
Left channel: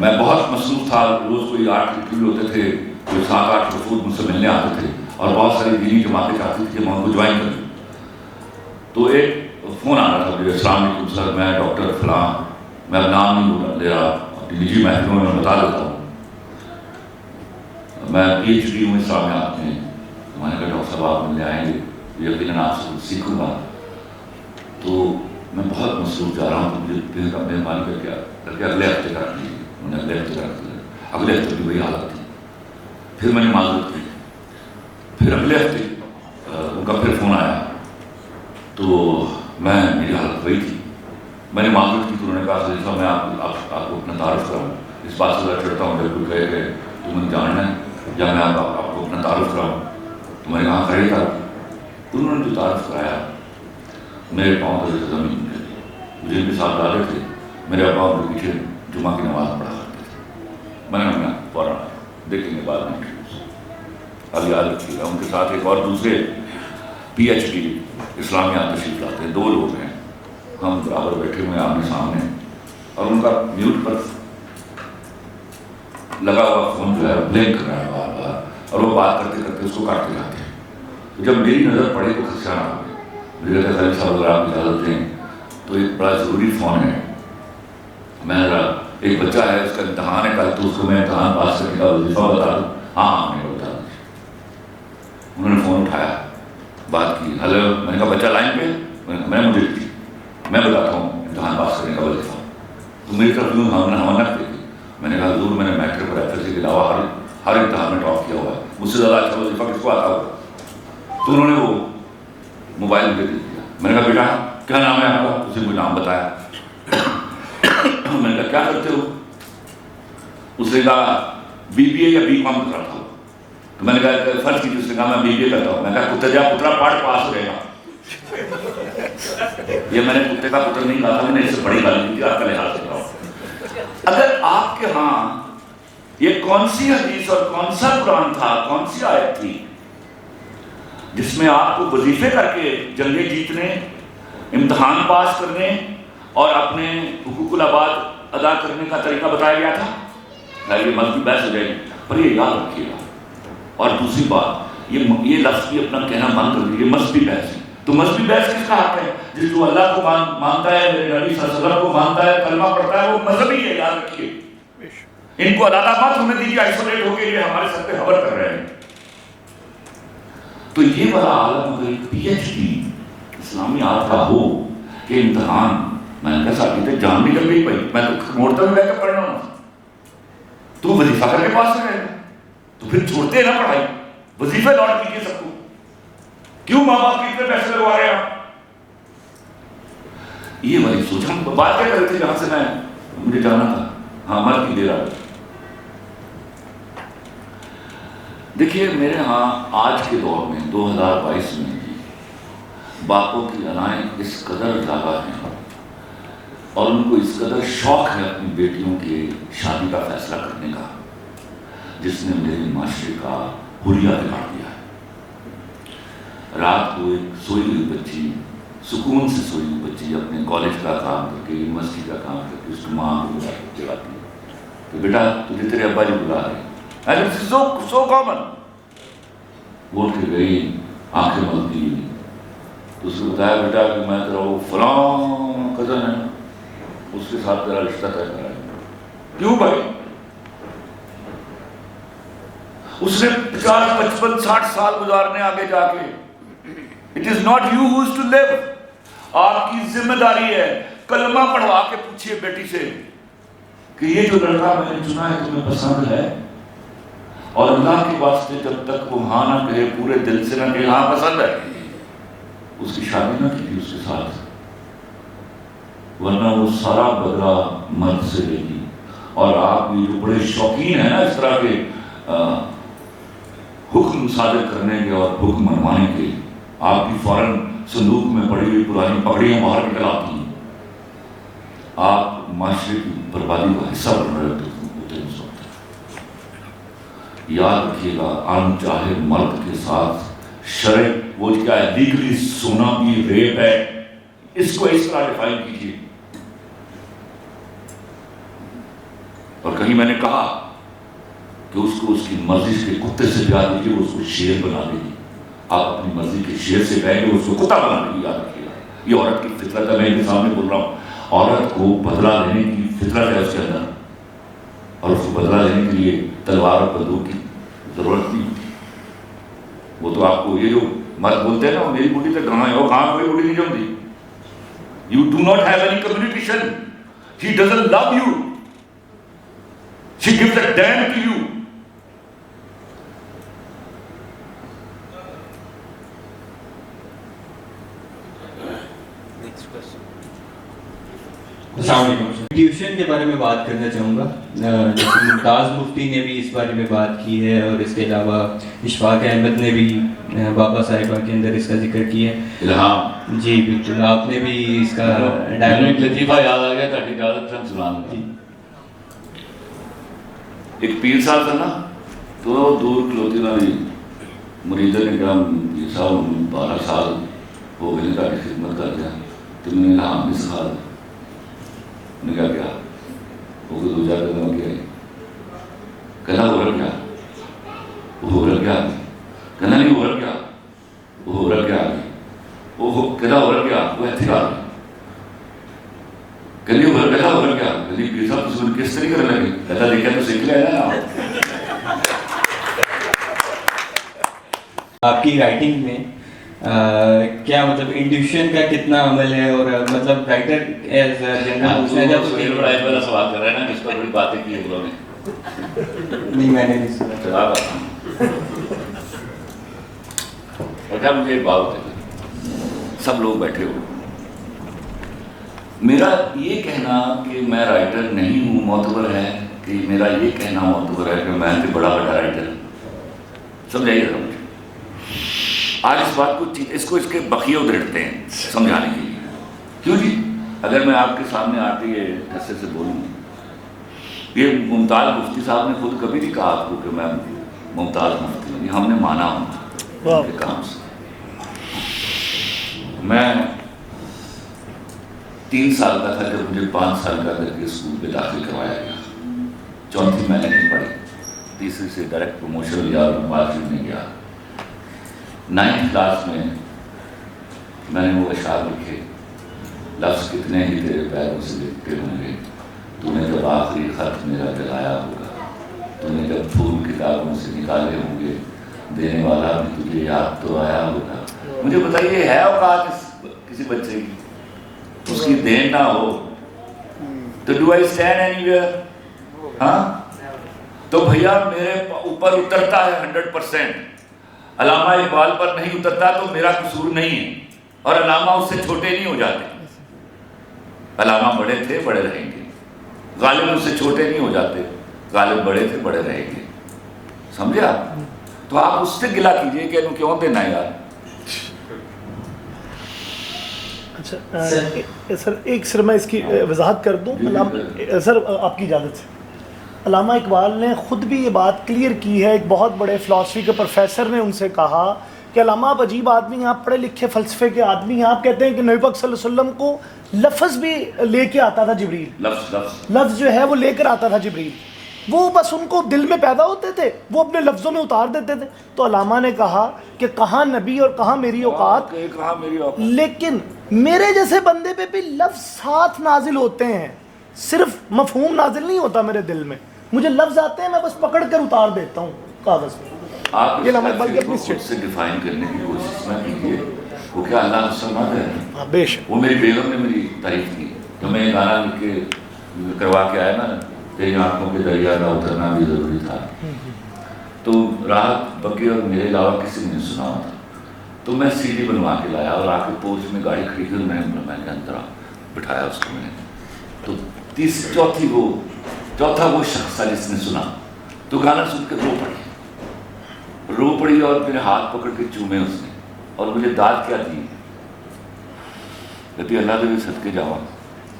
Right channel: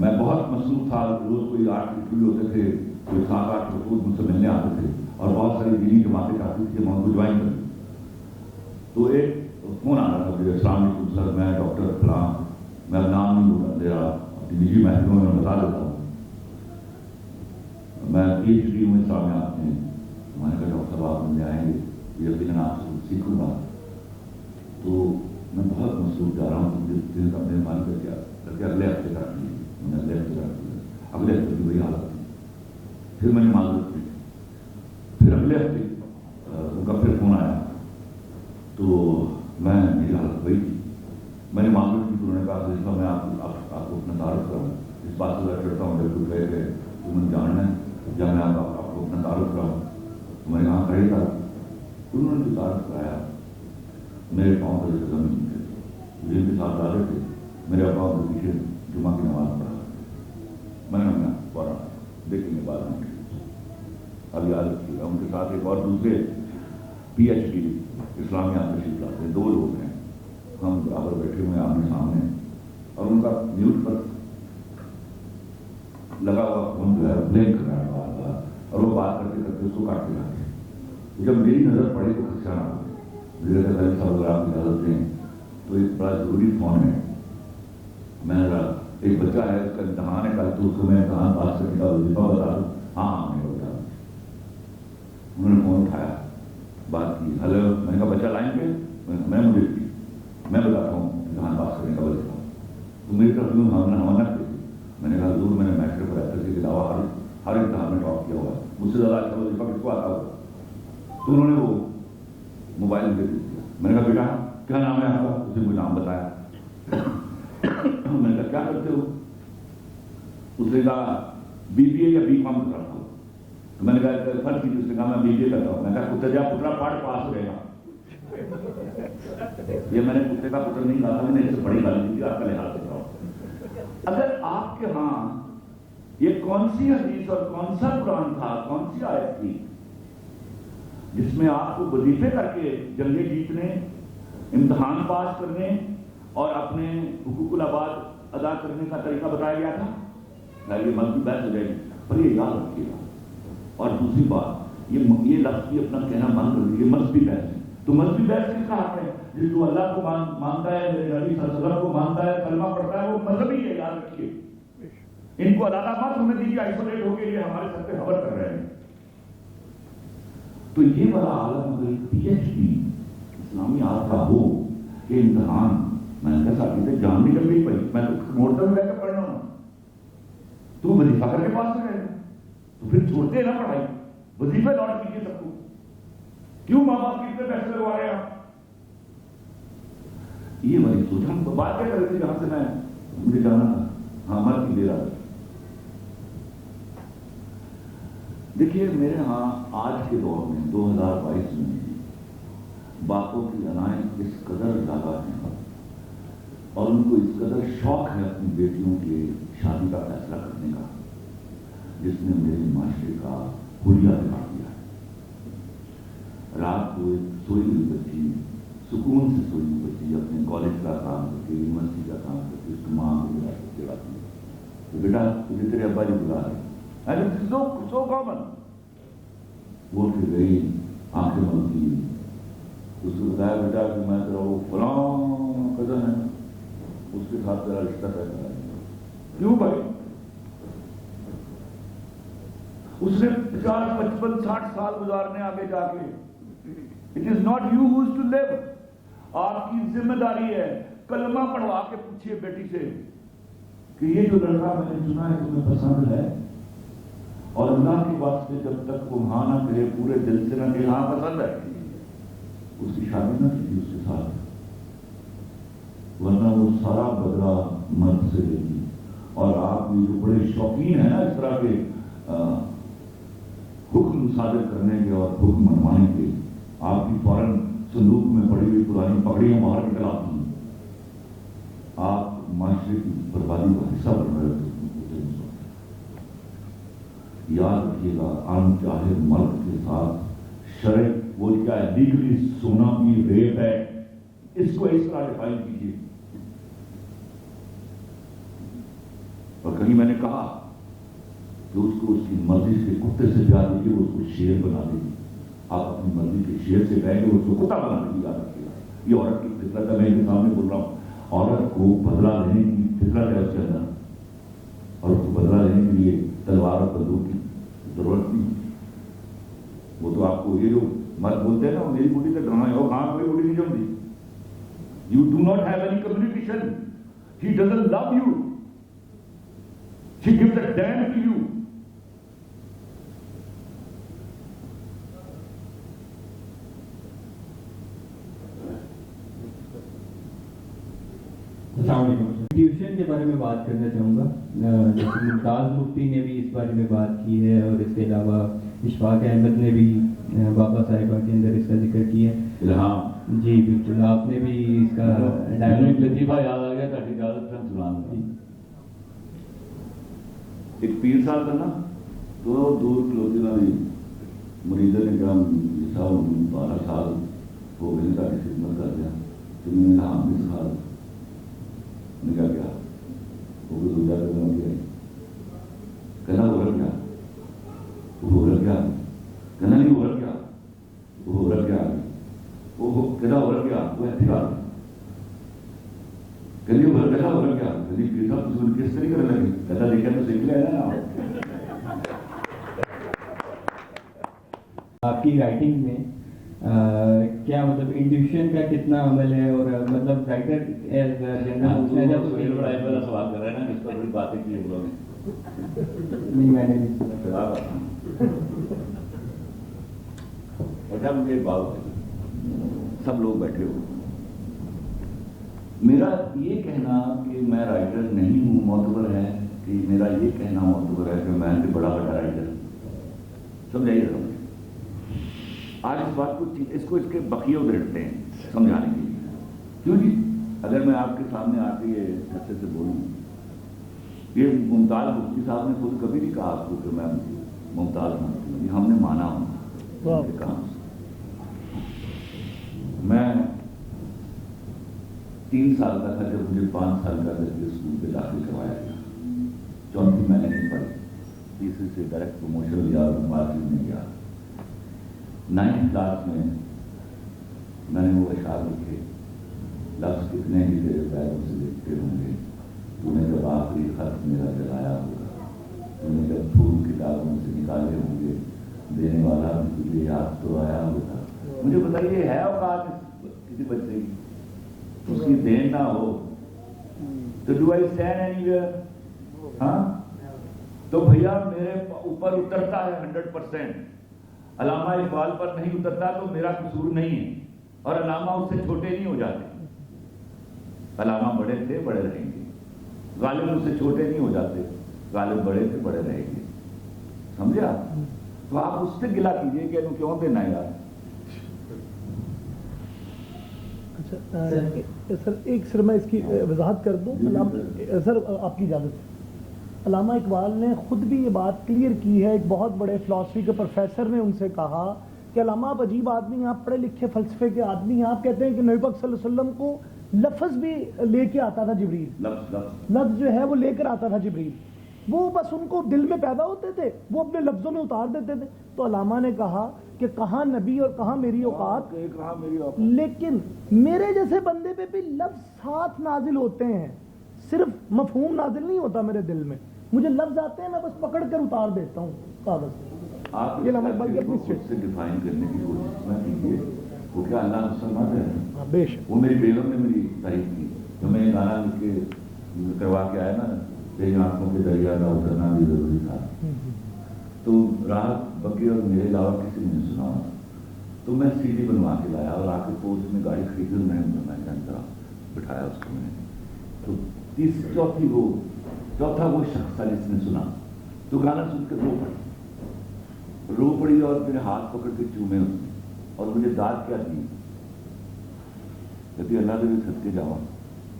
میں بہت مصروف تھا، روز کوئی 8 انٹرویو ہوتے تھے، کوئی 7-8 وفود مجھ سے ملنے آتے تھے، اور بہت ساری دینی جماعتیں چاہتی تھی کہ میں ان کو جوائن کروں. تو ایک فون آ رہا تھا مجھے، السلام علیکم سر، میں ڈاکٹر فلاں، میں نام نہیں لے رہا، اپنی نجی محکموں میں بتا دیتا ہوں، میں PhD ہوں اسلامیات میں. میں نے کہا ڈاکٹر صاحب آپ ملنے آئیں گے، یقیناً آپ سے سیکھوں گا. تو میں بہت مصروف جا رہا ہوں، تو مجھے مہربانی کر کے اگلے ہفتے کر دیجیے. میں نے اگلے ہفتے کر دیا. اگلے ہفتے کی وہی حالت تھی. پھر میں نے معذرت کی. پھر اگلے ہفتے ان کا پھر فون آیا، تو میری حالت وہی تھی. میں نے معذرت کی. تو انہوں نے کہا خلیفہ میں آپ کو اپنا تعارف کراؤں، اس بات سے چڑھتا ہوں جب کوئی کہے کہ تمہیں جاننا ہے یا میں آپ کو اپنا تعارف کراؤں. تو میں نے کہا کرے تعارف. تو انہوں نے جو تعارف کرایا میرے پاؤں سے زمین مل گئی. مجھے ان کے ساتھ ڈالے تھے، میرے ابا ان کے پیچھے جمعہ کی نماز پڑھا کرتے تھے. میں نے کہا فوراً دیکھیں گے بعد میں. اب یاد رکھیے گا ان کے ساتھ ایک اور دوسرے PhD اسلامیات تشریف لاتے ہیں. 2 لوگ ہیں، ہم برابر بیٹھے ہوئے ہیں آمنے سامنے، اور ان کا میوٹ پر لگا ہوا فون جو ہے بلنک کر رہا ہے بار بار، اور وہ بات کرتے کرتے اس کو کاٹتے جاتے ہیں. تو جب میری نظر پڑے تو خدشہ نہ ہو گیا. مجھے کہا خلیل صاحب اگر آپ اجازت دیں تو ایک بڑا ضروری فون ہے. میں ذرا ایک بچہ ہے، اس کا امتحان ہے کل، تو اس کو میں امتحان پاس کرنے کا وظیفہ بتا دوں. ہاں میں بتا دوں. انہوں نے فون اٹھایا، بات کی. ہلو. میں نے کہا بچہ لائن پہ. میں مجھے میں بتاتا ہوں امتحان پاس کرنے کا وظیفہ. تو میری طرف یوں ہمت دیکھی. میں نے کہا حضور میں نے میٹرک اور FSC کے علاوہ ہر امتحان میں ٹاپ کیا ہوا ہے، مجھ سے زیادہ اچھا وظیفہ کس کو آتا ہوگا. تو انہوں نے وہ موبائل مجھے دے دیا. میں نے کہا بیٹا کیا نام ہے آپ کا؟ اسے کوئی نام بتایا. میں نے کہا کیا کرتے ہو؟ اس نے کہا BBA یا BCom کرتا ہوں. تو میں نے کہا فرض کیجیے. اس نے کہا میں BBA کرتا ہوں. میں نے کہا کتے جا پترا پڑھ پاس ہو جائے گا. یہ میں نے کتے کا پتر نہیں کہا تھا، میں نے اس سے بڑی گالی کی تھی، آپ کا لحاظ سے کہا. اگر آپ کے ہاں یہ کون سی حدیث اور کون سا قرآن تھا، کون سی آیت تھی جس میں آپ کو وظیفے کر کے جنگیں جیتنے، امتحان پاس کرنے اور اپنے حقوق العباد ادا کرنے کا طریقہ بتایا گیا تھا؟ یہ مذہبی بحث ہو جائے گی، پر یہ یاد رکھیے گا. اور دوسری بات، یہ لفظ بھی اپنا کہنا بند کر دیجیے، مذہبی بحث ہے. تو مذہبی بحث کس کا حق ہے؟ جس جو اللہ کو مانتا ہے، میرے نبی صلی اللہ علیہ وسلم کو مانتا ہے، کلمہ پڑھتا ہے، وہ مذہبی ہے. یاد رکھیے. ان کو علیحدہ مت ہونے دیجیے، آئسولیٹ ہو کے یہ ہمارے سر پہ حبر کر رہے ہیں. تو یہ بڑا عالم اگر ایک PhD اسلامیات کا ہو کہ امتحان، میں نے کہا ساتھی تھے جان نکل گئی بھائی، میں تو موڑتا بھی بیٹھ کر پڑھنا ہوں. تو وظیفہ کر کے پاس سے رہے گا تو پھر چھوڑتے ہیں نا پڑھائی، وظیفے لوٹ کیجیے سب کو. کیوں ماں باپ کے اتنے پیسے لگوا رہے ہیں آپ؟ یہ والی سوچ. ہم بات کیا کرتے تھے جہاں سے مجھے جانا تھا. ہاں مر کی دے رہا. دیکھیے میرے ہاں آج کے دور میں 2022 میں باپوں کی انائیں اس قدر زیادہ ہیں اور ان کو اس قدر شوق ہے اپنی بیٹیوں کے شادی کا فیصلہ کرنے کا، جس نے میرے معاشرے کا حلیہ بگاڑ دیا ہے. رات کو ایک سوئی ہوئی بچی، سکون سے سوئی ہوئی بچی اپنے کالج کا کام کر کے، یونیورسٹی کا کام کر کے اس کی ماں کو بلا کے جگاتی ہے کہ بیٹا تجھے تیرے ابا جی بلا رہے ہیں. So common. بول کے گئی، آنکھیں ملتی. تو اس کو بتایا بیٹا کہ میں تیرا وہ فلاں کزن ہے، اس کے ساتھ تیرا رشتہ طے کرا ہے. کیوں بھائی؟ اس نے 50 55 60 سال گزارنے آگے جا کے. It is not you who is to live. آپ کی ذمہ داری ہے. کلمہ پڑھوا کے پوچھئے بیٹی سے کہ یہ جو لڑکا میں نے چنا ہے تمہیں پسند ہے؟ اور اللہ کے واسطے جب تک وہ ہاں نہ کہے، پورے دل سے نہ کہے ہاں پسند ہے، اس کی شادی نہ کی اس کے ساتھ، ورنہ وہ سارا بدلہ مرد سے لے گی. اور آپ یہ جو بڑے شوقین ہیں نا اس طرح کے حکم صادر کرنے کے اور حکم منوانے کے، آپ کی فوراً صندوق میں پڑی ہوئی پرانی پگڑیاں باہر نکل آتی ہیں. آپ معاشرے کی بربادی کا حصہ بن رہے ہوتے ہیں اس وقت. یاد رکھیے گا، ان چاہے مرد کے ساتھ شرع وہ کیا ہے، لیگلی سونا بھی ریپ ہے، اس کو اس طرح ڈیفائن کیجیے. اور کہیں میں نے کہا کہ اس کو اس کی مرضی کے کتے سے پیار دیجیے، وہ اس کو شیر بنا دے گی. آپ اپنی مرضی کے شیر سے کہیں گے، اس کو کتا بنا دے گی. یاد رکھیے گا، یہ عورت کی فطرت ہے. میں ان کے سامنے بول رہا ہوں، عورت کو بدلہ لینے کی فطرت ہے اس کے اندر، اور اس کو بدلہ لینے کے لیے تلوار اور بندوق کی ضرورت نہیں ہوتی. وہ تو آپ کو یہ جو مرد بولتے ہیں نا، میری بوٹی تک کہاں ہے، وہ کہاں کوئی بوٹی نہیں جمتی. You do not have any communication. He doesn't love you. She gives a damn to you. السلام علیکم. ٹیوشن کے بارے میں بات کرنا چاہوں گا. جیسے ممتاز مفتی نے بھی اس بارے میں بات کی ہے، اور اس کے علاوہ اشفاق احمد نے بھی بابا صاحبہ کے اندر اس کا ذکر کیا ہے. الہام جی بالکل، آپ نے بھی اس کا ایک لطیفہ یاد آ گیا تھا، اجازت سے سناؤں گا. ایک پیر صاحب تھا نا، تو دور کھلوتی والی مریدہ نے کہا، یہ صاحب 12 سال ہو گئے کا خدمت کرتے ہیں، تو میں نے الہام بھی سکھا دیا. نے کہا کیا وہ کوئی 2 4 دنوں کیا ہے، کہنا ہو رہا کیا، وہ ہو رہا کیا، کہنا نہیں ہو رہا کیا، وہ ہو رہا کیا، وہ کہنا ہو رہا کیا، وہ ایتھے آ گئی، کہنی ہو رہا کہنا ہو رہا کیا، کہنی پیر صاحب تسون کس طریقے کرنے لگی، کہتا دیکھا تو سیکھ لیا نا. آپ کی رائٹنگ میں کیا مطلب انٹیوشن کا کتنا عمل ہے، اور مطلب رائٹر ایز جنرل پوچھنا چاہتا ہوں. سہیل بڑا ایک بڑا سوال کر رہے ہیں نا، اس پر بڑی باتیں کی ہیں لوگوں نے. نہیں میں نے نہیں سنا. اچھا مجھے ایک بات بتائیے، سب لوگ بیٹھے ہو، میرا یہ کہنا کہ میں رائٹر نہیں ہوں معتبر ہے، کہ میرا یہ کہنا معتبر ہے کہ میں بڑا رائٹر ہوں؟ سمجھائیے ذرا مجھے. آج اس بات کو اس کے بقیے ادھیڑتے ہیں سمجھانے کے لیے. کیوں جی؟ اگر میں آپ کے سامنے آ کے یہ حصے سے بولوں، یہ ممتاز مفتی صاحب نے خود کبھی نہیں کہا آپ کو کہ میں ممتاز مفتی ہوں، یہ ہم نے مانا ہوں ان کے کام سے. میں 3 سال کا تھا جب مجھے 5 سال کا کر کے اسکول پہ داخل کروایا گیا. 4تھی میں نے نہیں پڑھی، 3ری سے ڈائریکٹ پروموشن لیا اور مارکیٹ میں گیا. 9th کلاس میں میں نے وہ اشعار لکھے، لفظ کتنے ہی تیرے پیروں سے لکھتے ہوں گے، تو نے جب آخری خط میرا جلایا ہوگا، تو نے جب پھول کتابوں سے نکالے ہوں گے، دینے والا بھی تجھے یاد تو آیا ہوگا. مجھے بتائیے ہے اوقات کسی بچے کی اس کی دین نہ ہو تو do I stand any where? ہاں تو بھیا میرے اوپر اترتا ہے 100%. علامہ اقبال پر نہیں اترتا تو میرا قصور نہیں ہے، اور علامہ اس سے چھوٹے نہیں ہو جاتے. علامہ بڑے تھے بڑے رہیں گے، غالب اس سے چھوٹے نہیں ہو جاتے، غالب بڑے تھے بڑے رہیں گے. سمجھے آپ؟ تو آپ اس سے گلا کیجئے کہ انہوں کیوں دینا یار. اچھا سر، ایک سر میں اس کی وضاحت کر دوں. سر آپ کی اجازت سے، علامہ اقبال نے خود بھی یہ بات کلیئر کی ہے. ایک بہت بڑے فلاسفی کے پروفیسر نے ان سے کہا کہ علامہ آپ عجیب آدمی ہیں، آپ پڑھے لکھے فلسفے کے آدمی ہیں. آپ کہتے ہیں کہ نبی پاک صلی اللہ علیہ وسلم کو لفظ بھی لے کے آتا تھا جبریل، لفظ جو ہے وہ لے کر آتا تھا جبریل، وہ بس ان کو دل میں پیدا ہوتے تھے، وہ اپنے لفظوں میں اتار دیتے تھے. تو علامہ نے کہا کہ کہاں نبی اور کہاں میری اوقات، لیکن میرے جیسے بندے پہ بھی لفظ ساتھ نازل ہوتے ہیں، صرف مفہوم نازل نہیں ہوتا میرے دل میں. مجھے لفظ آتے ہیں، میں بس پکڑ کر اتار دیتا ہوں کاغذ میں. آپ یہ خود سے ڈیفائن کرنے کی کوشش نہ کیجیے. وہ کیا اللہ مسلمان ہے؟ بے شک. وہ میری بیگم نے میری تعریف کی جو میں یہ گانا لکھ کے کروا کے آیا نا، تیری آنکھوں کے دریا کا اترنا بھی ضروری تھا. تو راحت بکی اور میرے علاوہ کسی نے نہیں سنا تھا. تو میں سی ڈی بنوا کے لایا اور آ کے پورچ میں گاڑی کھڑی کی اور میں نے اندر بٹھایا اس کو. میں نے تو چوتھا وہ شخص تھا جس نے سنا. تو گانا سن کے رو پڑی اور میرے ہاتھ پکڑ کے چومے اس نے اور مجھے داد کیا دی. کہتی اللہ دے صدقے جاواں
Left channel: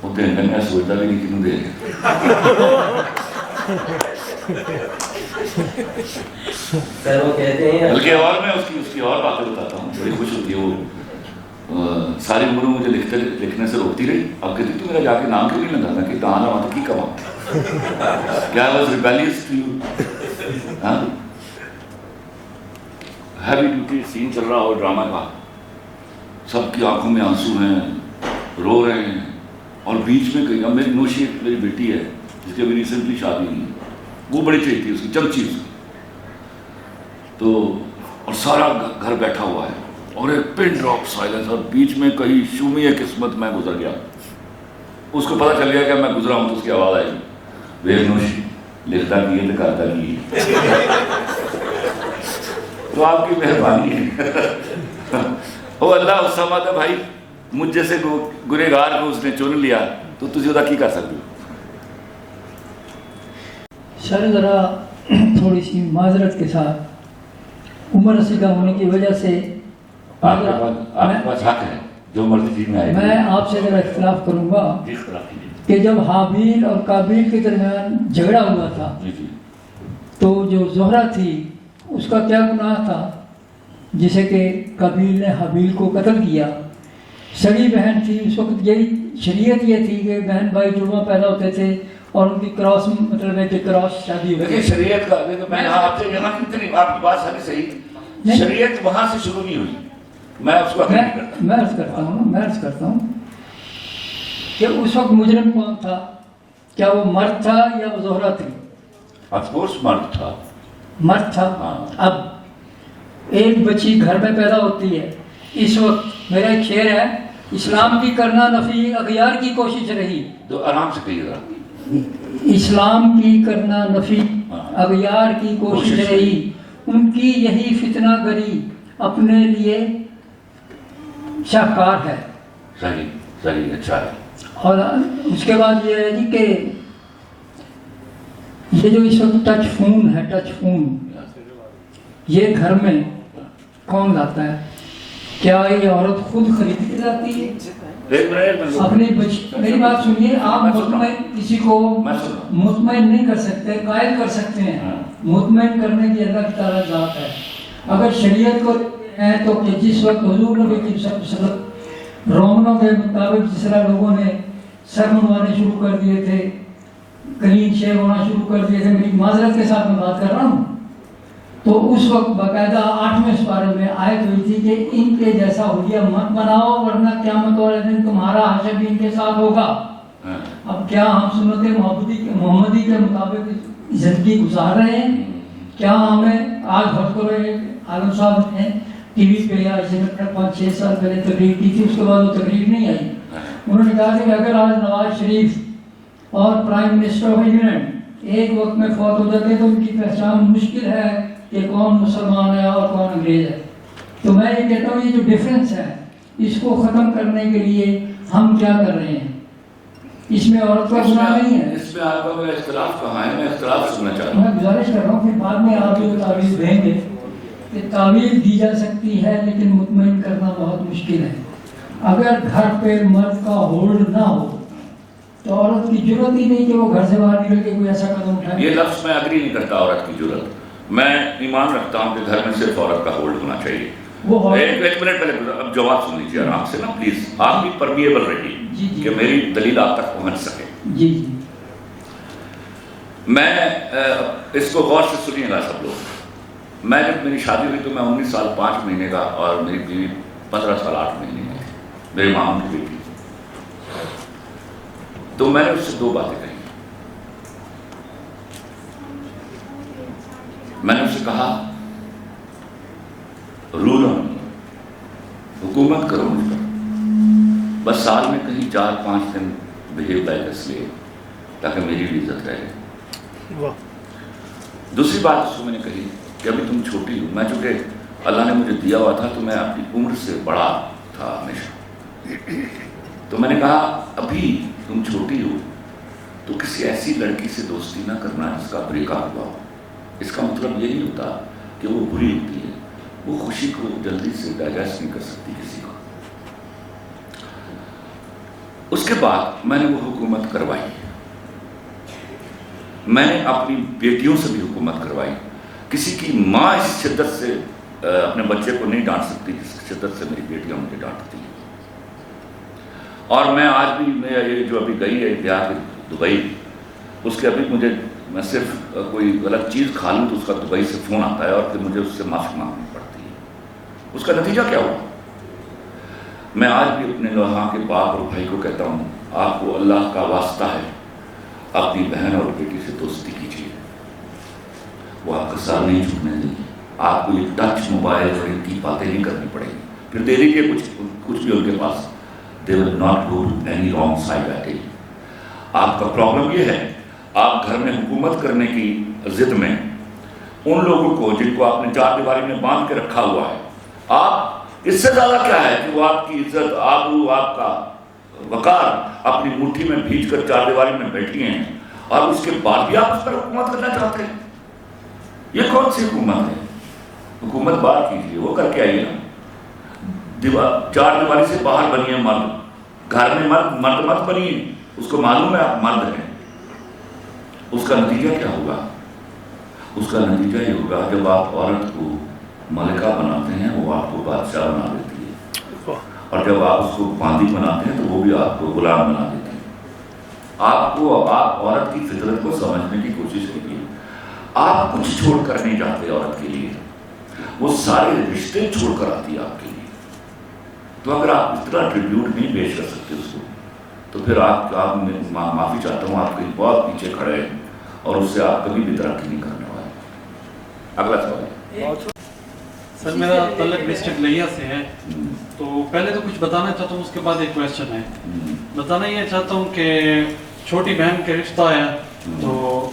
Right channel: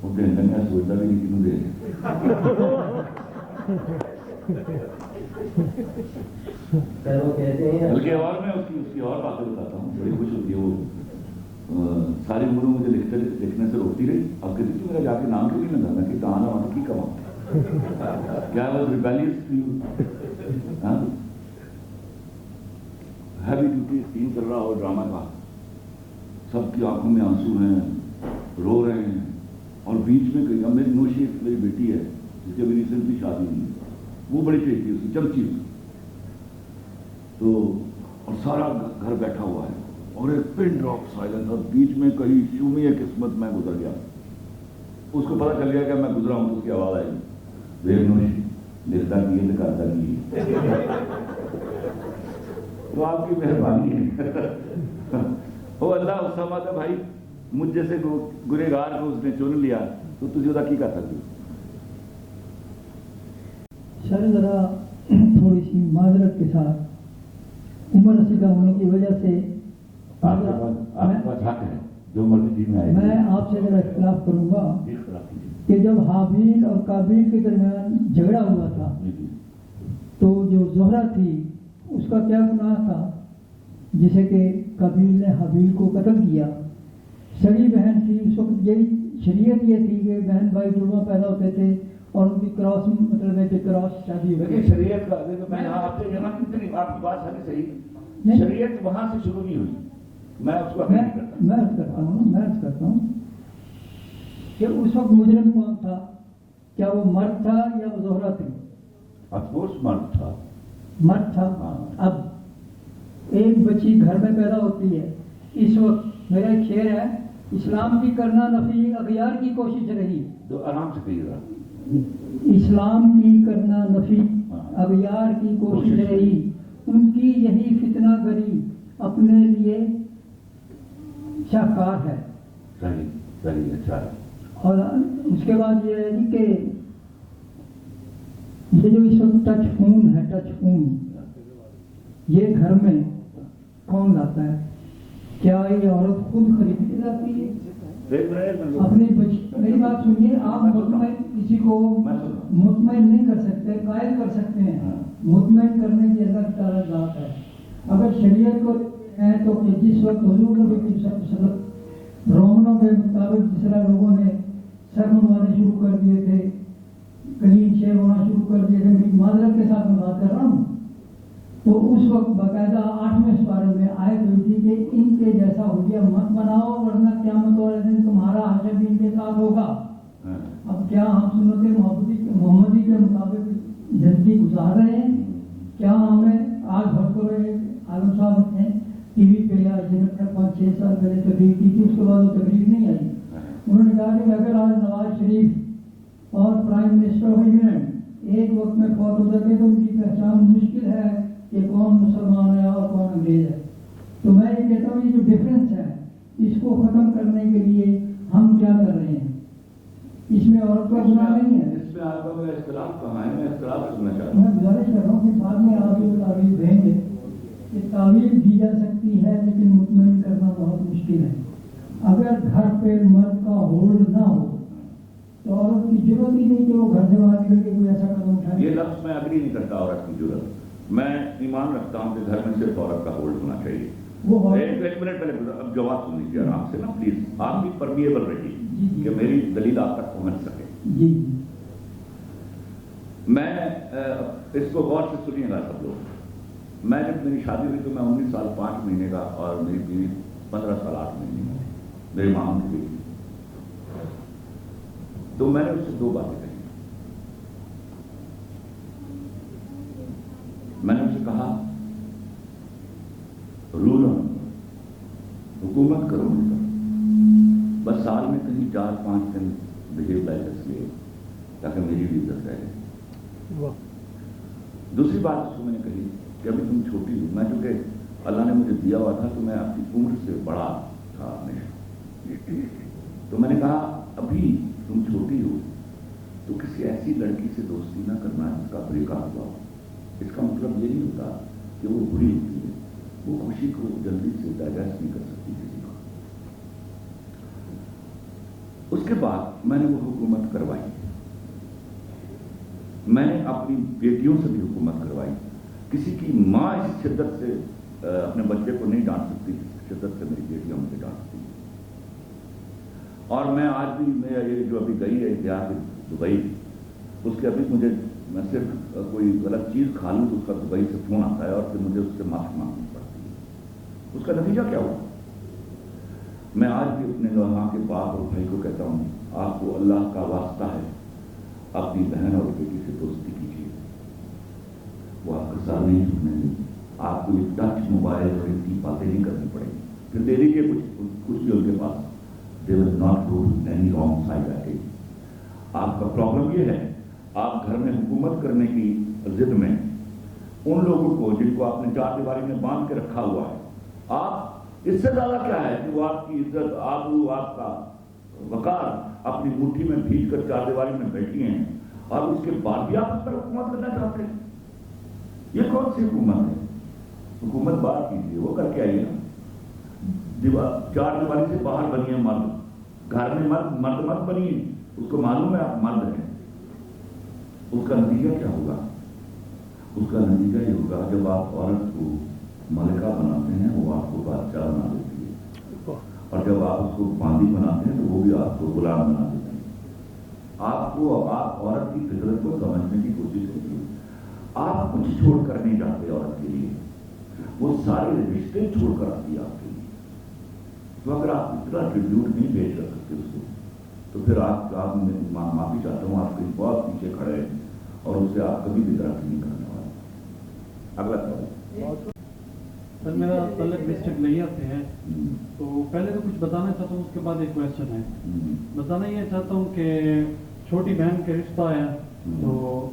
وہ دن میں سوچتا بھی نہیں کنوں دے سر وہ کہتے ہیں بلکہ اور میں اس کی اور باتیں بتاتا ہوں. بڑی خوش ہوتی ہے وہ. ساری عمر مجھے لکھنے سے روکتی رہی. اب کہتی تو میرا جا کے نام کیوں نہیں لگا؟ میں کہ آنا وہاں تو کی کما کیا was rebellious to you. Heavy duty scene چل رہا ہو ڈرامہ کا, سب کی آنکھوں میں آنسو ہیں, رو رہے ہیں, اور بیچ میں کہیں. اب میری نوشی میری بیٹی ہے جس کی ابھی ریسنٹلی شادی ہوئی, وہ بڑی چاہیے تھی, اس کی چمچی اس کی. تو اور سارا گھر بیٹھا ہوا ہے اور ایک پن ڈراپ سائلنس, اور بیچ میں کہیں شومی ہے قسمت میں گزر گیا. اس کو پتہ چل گیا کہ میں گزرا ہوں تو اس کی آواز آئی, بے نوشی لکھتا کی ہے کرتا کی ہے. تو آپ کی مہربانی ہے. او اللہ اسامہ تھا بھائی, مجھ جیسے گنہگار کو اس نے چن لیا تو تجھے ادا کی کر سکتی ہو. سر ذرا تھوڑی سی معذرت کے ساتھ عمر رسیدہ ہونے کی وجہ سے آپ کے پاس حق ہے جو مرضی چیز میں آئے. میں آپ سے ذرا اختلاف کروں گا کہ جب حابیل اور قابیل کے درمیان جھگڑا ہوا تھا تو جو زہرہ تھی اس کا کیا گناہ تھا جسے کہ قابیل نے حابیل کو قتل کیا؟ سڑی بہن تھی اس وقت. یہی شریعت یہ تھی کہ بہن بھائی جڑواں پیدا ہوتے تھے اور ان کی کراس مطلب ہے کہ کراس شادی ہوتی ہے. شریعت کا میں آپ سے کہنا کتنی آپ کی بات ساری صحیح. شریعت وہاں سے شروع نہیں ہوئی. میں اس کو میں عرض کرتا ہوں کہ اس وقت مجرم کون تھا؟ کیا وہ مرد تھا یا وہ زہرہ تھی؟ آف کورس مرد تھا. مرد تھا. اب ایک بچی گھر میں پیدا ہوتی ہے. اس وقت میرا ایک شعر ہے, اسلام کی کرنا نفی اغیار کی کوشش رہی. تو آرام سے کہیے گا. اسلام کی کرنا نفی اغیار کی کوشش رہی, ان کی یہی فتنہ گری اپنے لیے شاہکار ہے. صحیح اچھا ہے. اور اس کے بعد یہ ہے جی کہ یہ جو اس وقت ٹچ فون ہے, ٹچ فون یہ گھر میں کون لاتا ہے؟ کیا یہ عورت خود خرید کے لاتی ہے اپنی میری بات سنیے. آپ مطمئن کسی کو مطمئن نہیں کر سکتے, قائل کر سکتے ہیں. مطمئن کرنے کی اللہ تعالیٰ ذات ہے. اگر شریعت کو ہے تو کہ جس وقت حضور نبی کی صدق رومنوں کے مطابق جس طرح لوگوں نے سر منوانے شروع کر دیے تھے, کلین شیو ہونا شروع کر دیے تھے, میری معذرت کے ساتھ میں بات کر رہا ہوں, تو اس وقت باقاعدہ 8ویں سپارے میں آیت ہوئی تھی کہ ان کے جیسا حلیہ مت بناؤ ورنہ قیامت والے دن تمہارا حشر بھی ان کے ساتھ ہوگا. اب کیا ہم سنت محمدی کے مطابق زندگی گزار رہے ہیں؟ کیا ہمیں آج بھر کو رہے عالم صاحب نے ٹی وی پہ یا اسے 5-6 سال پہلے تقریر کی تھی, اس کے بعد وہ تقریر نہیں آئی. انہوں نے کہا کہ اگر آج نواز شریف اور پرائم منسٹر آف انگلینڈ ایک وقت میں فوت ہو جاتے تو ان کی پہچان مشکل ہے کہ کون مسلمان ہے اور کون انگریز ہے. تو میں یہ کہتا ہوں یہ جو ڈفرینس ہے اس کو ختم کرنے کے لیے ہم کیا کر رہے ہیں؟ اس میں عورت کا گناہ نہیں ہے. اس میں آپ کا میرا اختلاف کہاں ہے؟ میں اختلاف سننا چاہتا ہوں. میں گزارش کر رہا ہوں کہ بعد میں آپ جو تعویذ دیں گے کہ تعویذ دی جا سکتی ہے لیکن مطمئن کرنا بہت مشکل ہے. اگر گھر پہ مرد کا ہولڈ نہ ہو تو عورت کی ضرورت ہی نہیں کہ وہ گھر سے باہر نکل کے کوئی ایسا قدم اٹھائے. یہ لفظ میں اگری نہیں کرتا عورت کی ضرورت. میں ایمان رکھتا ہوں کہ گھر میں صرف عورت کا ہولڈ ہونا چاہیے. ایک منٹ پہلے اب جواب سن لیجیے آرام سے نا پلیز. آپ بھی پرمیبل رہیے کہ میری دلیل آپ تک پہنچ سکے. جی میں اس کو غور سے سنیے گا سب لوگ. میں جب میری شادی ہوئی تو میں 19 سال 5 مہینے کا اور میری بیوی 15 سال 8 مہینے کی, میری ماں کی بیٹی. تو میں نے اس سے 2 باتیں کہی. میں نے اس سے کہا رول آن می, حکومت کرو مجھ پر, بس سال میں کہیں 4-5 دن بہیو لائک اے سلیو تاکہ میری بھی عزت رہے. دوسری بات اس کو میں نے کہی کہ ابھی تم چھوٹی ہو. میں چونکہ اللہ نے مجھے دیا ہوا تھا تو میں اپنی عمر سے بڑا تھا ہمیشہ, تو میں نے کہا ابھی تم چھوٹی ہو تو کسی ایسی لڑکی سے دوستی نہ کرنا جس کا بریک اپ ہوا ہو. اس کا مطلب یہ نہیں ہوتا کہ وہ بری ہوتی ہے, وہ خوشی کو جلدی سے ڈائجسٹ نہیں کر سکتی کسی کو. اس کے بعد میں نے وہ حکومت کروائی, میں نے اپنی بیٹیوں سے بھی حکومت کروائی. کسی کی ماں اس شدت سے اپنے بچے کو نہیں ڈانٹ سکتی جس شدت سے میری بیٹیاں مجھے ڈانٹتی ہیں. اور میں آج بھی یہ جو ابھی گئی ہے دیہات دبئی, اس کے ابھی مجھے میں صرف کوئی غلط چیز کھا لوں تو اس کا دبئی سے فون آتا ہے اور پھر مجھے اس سے معافی مانگنی پڑتی ہے. اس کا نتیجہ کیا ہوا؟ میں آج بھی اپنے وہاں کے باپ اور بھائی کو کہتا ہوں آپ کو اللہ کا واسطہ ہے اپنی بہن اور بیٹی سے دوستی کیجیے, وہ آپ کا سر نہیں چھوٹنے دیں گی. آپ کو یہ ٹچ موبائل اور ان کی باتیں نہیں کرنی پڑے گی. پھر دے دیجیے کچھ بھی ان کے پاس, they will not go any wrong side at it. آپ کا پرابلم یہ ہے آپ گھر میں حکومت کرنے کی ضد میں ان لوگوں کو جن کو آپ نے چار دیواری میں باندھ کے رکھا ہوا ہے, آپ اس سے زیادہ کیا ہے کہ وہ آپ کی عزت آبرو آپ کا وقار اپنی مٹھی میں بھیج کر چار دیواری میں بیٹھی ہیں اور اس کے بعد بھی آپ اس پر حکومت کرنا چاہتے ہیں. یہ کون سی حکومت ہے؟ حکومت بات کیجیے, وہ کر کے آئیے نا. چار دیواری سے باہر بنیے مرد, گھر میں مرد مت بنیے. اس کو معلوم ہے آپ مرد ہیں. اس کا نتیجہ کیا ہوگا؟ اس کا نتیجہ یہ ہوگا جب آپ عورت کو ملکہ بناتے ہیں وہ آپ کو بادشاہ بنا دیتی ہے, اور جب آپ اس کو باندی بناتے ہیں تو وہ بھی آپ کو غلام بنا دیتی ہے. آپ عورت کی فطرت کو سمجھنے کی کوشش کیجیے. آپ کچھ چھوڑ کر نہیں جاتے عورت کے لیے, وہ سارے رشتے چھوڑ کر آتی ہے آپ کے لیے. تو اگر آپ اتنا ٹریبیوٹ نہیں پیش کر سکتے اس کو تو پھر آپ معافی چاہتا ہوں, آپ کہیں بہت پیچھے کھڑے ہیں اور اس سے آپ کبھی بھی ترقی نہیں کرنے والے. اگلا سوال. سر میرا تعلق ڈسٹرکٹ لیا سے ہے, تو پہلے تو کچھ بتانا چاہتا ہوں, اس کے بعد ایک کویسچن ہے. بتانا یہ چاہتا ہوں کہ چھوٹی بہن کے رشتہ آیا تو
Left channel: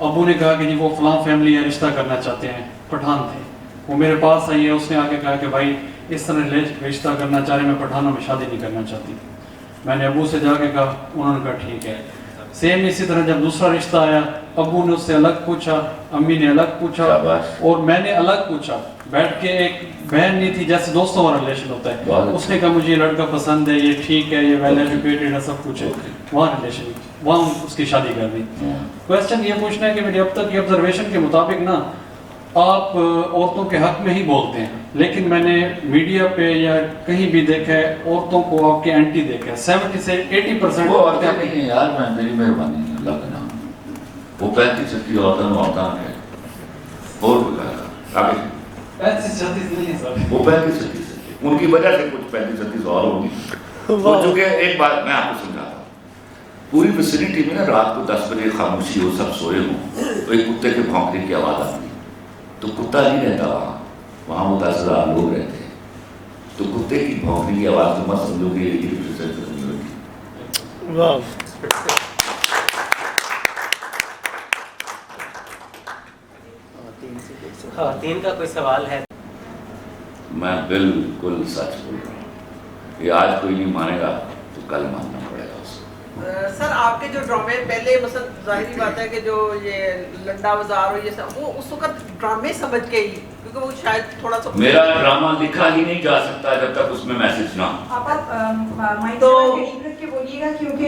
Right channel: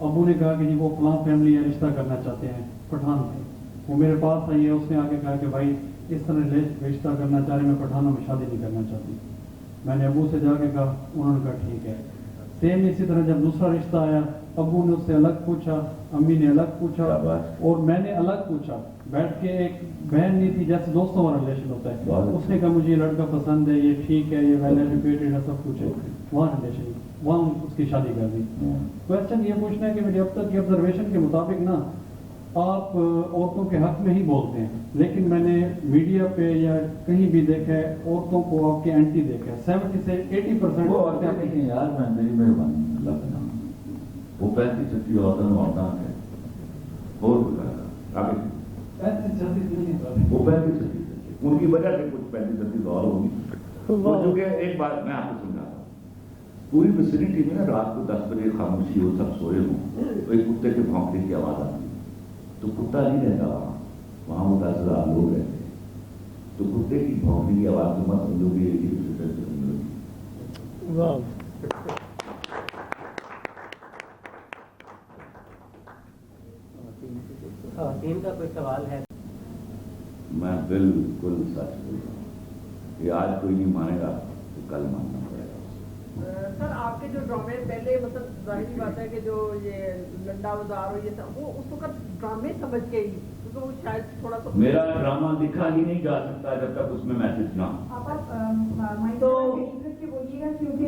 ابو نے کہا کہ جی وہ فلاں فیملی ہے رشتہ کرنا چاہتے ہیں, پٹھان تھے. وہ میرے پاس آئی ہے, اس نے آگے کہا کہ بھائی اس طرح رشتہ کرنا چاہ رہے, میں پٹھانوں میں شادی نہیں کرنا چاہتی. میں نے ابو سے جا کے کہا, انہوں نے کہا ٹھیک ہے. سیم اسی طرح جب دوسرا رشتہ آیا, ابو نے اس سے الگ پوچھا, امی نے الگ پوچھا اور میں نے الگ پوچھا. بیٹھ کے ایک بہن نہیں تھی, جیسے دوستوں والا ریلیشن ہوتا ہے. اس نے کہا مجھے یہ لڑکا پسند ہے, یہ ٹھیک ہے, یہ ویل ایجوکیٹڈ ہے, سب کچھ ہے. وہاں ریلیشن, وہاں اس کی شادی کر دی. کویسچن یہ پوچھنا ہے کہ میری اب تک کی آبزرویشن کے مطابق نا آپ عورتوں کے حق میں ہی بولتے ہیں, لیکن میں نے میڈیا پہ یا کہیں بھی دیکھا ہے عورتوں کو آپ کے اینٹی دیکھا ہے. 70 سے 80% وہ عورتیں نہیں ہیں یار, میں میری مہربانی ہے اللہ کا نام. وہ 35 عورتیں ہیں اور آگے 35-36 نہیں ہے سر, وہ 35-36 ان کی وجہ سے کچھ 35-36 اور ہوگی. چونکہ ایک بات میں آپ کو سمجھاتا ہوں, پوری ویسینٹی میں نا رات کو 10 بجے خاموشی ہو, سب سوئے ہوں, تو ایک کتے کے بھونکنے کی آواز آتی ہے. تو کتا نہیں رہتا وہاں وہ 10,000 لوگ رہتے ہیں. تو کتے کی بھونکنے کی آواز تو مت سمجھو گے خواتین کا کوئی سوال ہے؟ میں بالکل سچ بول رہا ہوں, یہ آج کوئی نہیں مانے گا تو کل ماننا پڑے گا اس کو. سر آپ کے جو ڈرامے پہلے مثلا ظاہری بات ہے کہ جو یہ لنڈا بازار اور یہ سب وہ اس وقت ڈرامے سمجھ کے ہی, کیونکہ وہ شاید تھوڑا سا میرا ڈرامہ لکھا ہی نہیں جا سکتا جب تک اس میں میسج نہ ہو. آپ مائک قریب رکھ کے بولیے گا کیونکہ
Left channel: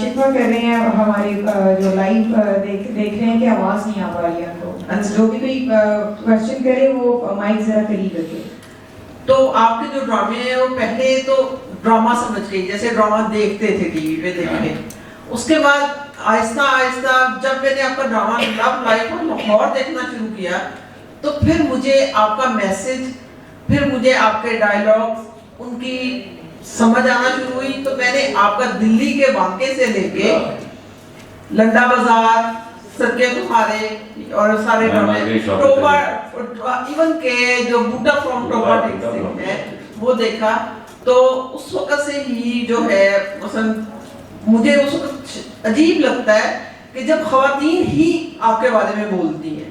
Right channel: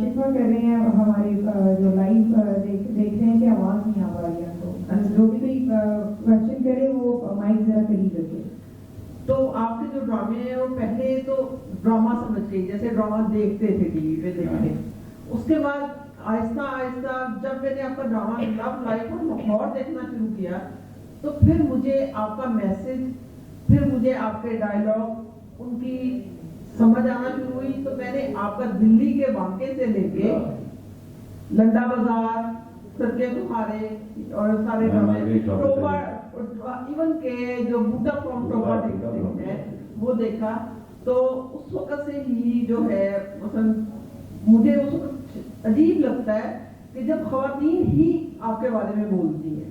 شکوہ کر رہے ہیں ہماری جو لائیو دیکھ رہے ہیں کہ آواز نہیں آ پا رہی ہے, تو جو بھی کوئی کویسچن کرے وہ مائک ذرا قریب رکھے. تو آپ کے جو ڈرامے ہیں وہ پہلے تو ڈرامہ سمجھ کے جیسے ڈرامہ دیکھتے تھے ٹی وی پہ دیکھنے, اس کے بعد آہستہ آہستہ جب میں نے آپ کا ڈرامہ لو لائف اور لاہور دیکھنا شروع کیا تو پھر مجھے آپ کا میسج, پھر مجھے آپ کے ڈائیلاگ ان کی سمجھ آنا شروع ہوئی. تو میں نے آپ کا دلی کے واقعے سے لے کے لنڈا بازار, سرکے تمہارے اور سارے ڈرامے, ٹوبا ایون کے جو بوٹا فرام ٹوبا ہے وہ دیکھا. تو اس وقت سے ہی جو ہے مثلا مجھے اس وقت عجیب لگتا ہے کہ جب خواتین ہی آپ کے بارے میں بولتی ہیں,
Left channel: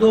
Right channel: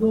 2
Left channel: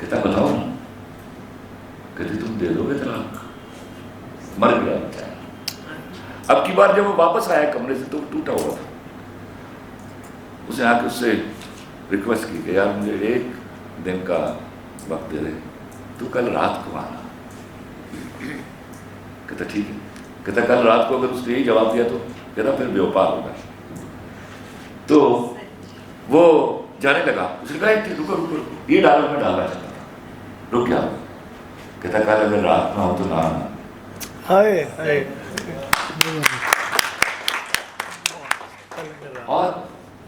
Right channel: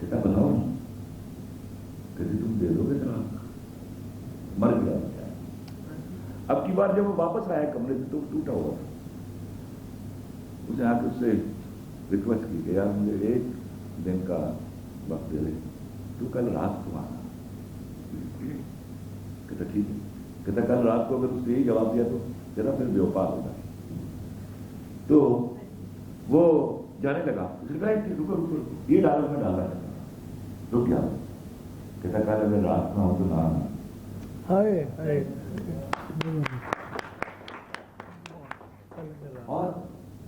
کہتا بتاؤ نا, کہتے تم دے دو گے طلاق؟ مر گیا بیچارہ. اب کی بار جب وہ واپس آیا کمرے سے تو ٹوٹا ہوا تھا. اس نے آ کے اس سے ریکویسٹ کی کہ یار مجھے 1 دن کا وقت دے دے, تو کل رات کو آنا. کہتا ٹھیک ہے. کہتا کل رات کو اگر اس نے یہی جواب دیا تو کہتا پھر بے وفا ہوگا. تو وہ جانے لگا. اس نے کہا رکو رکو رکو, یہ ڈالو میں ڈالنا چاہتا تھا, رک گیا. کہتا کل اگر رات میں ہو تو نہ آنا. اور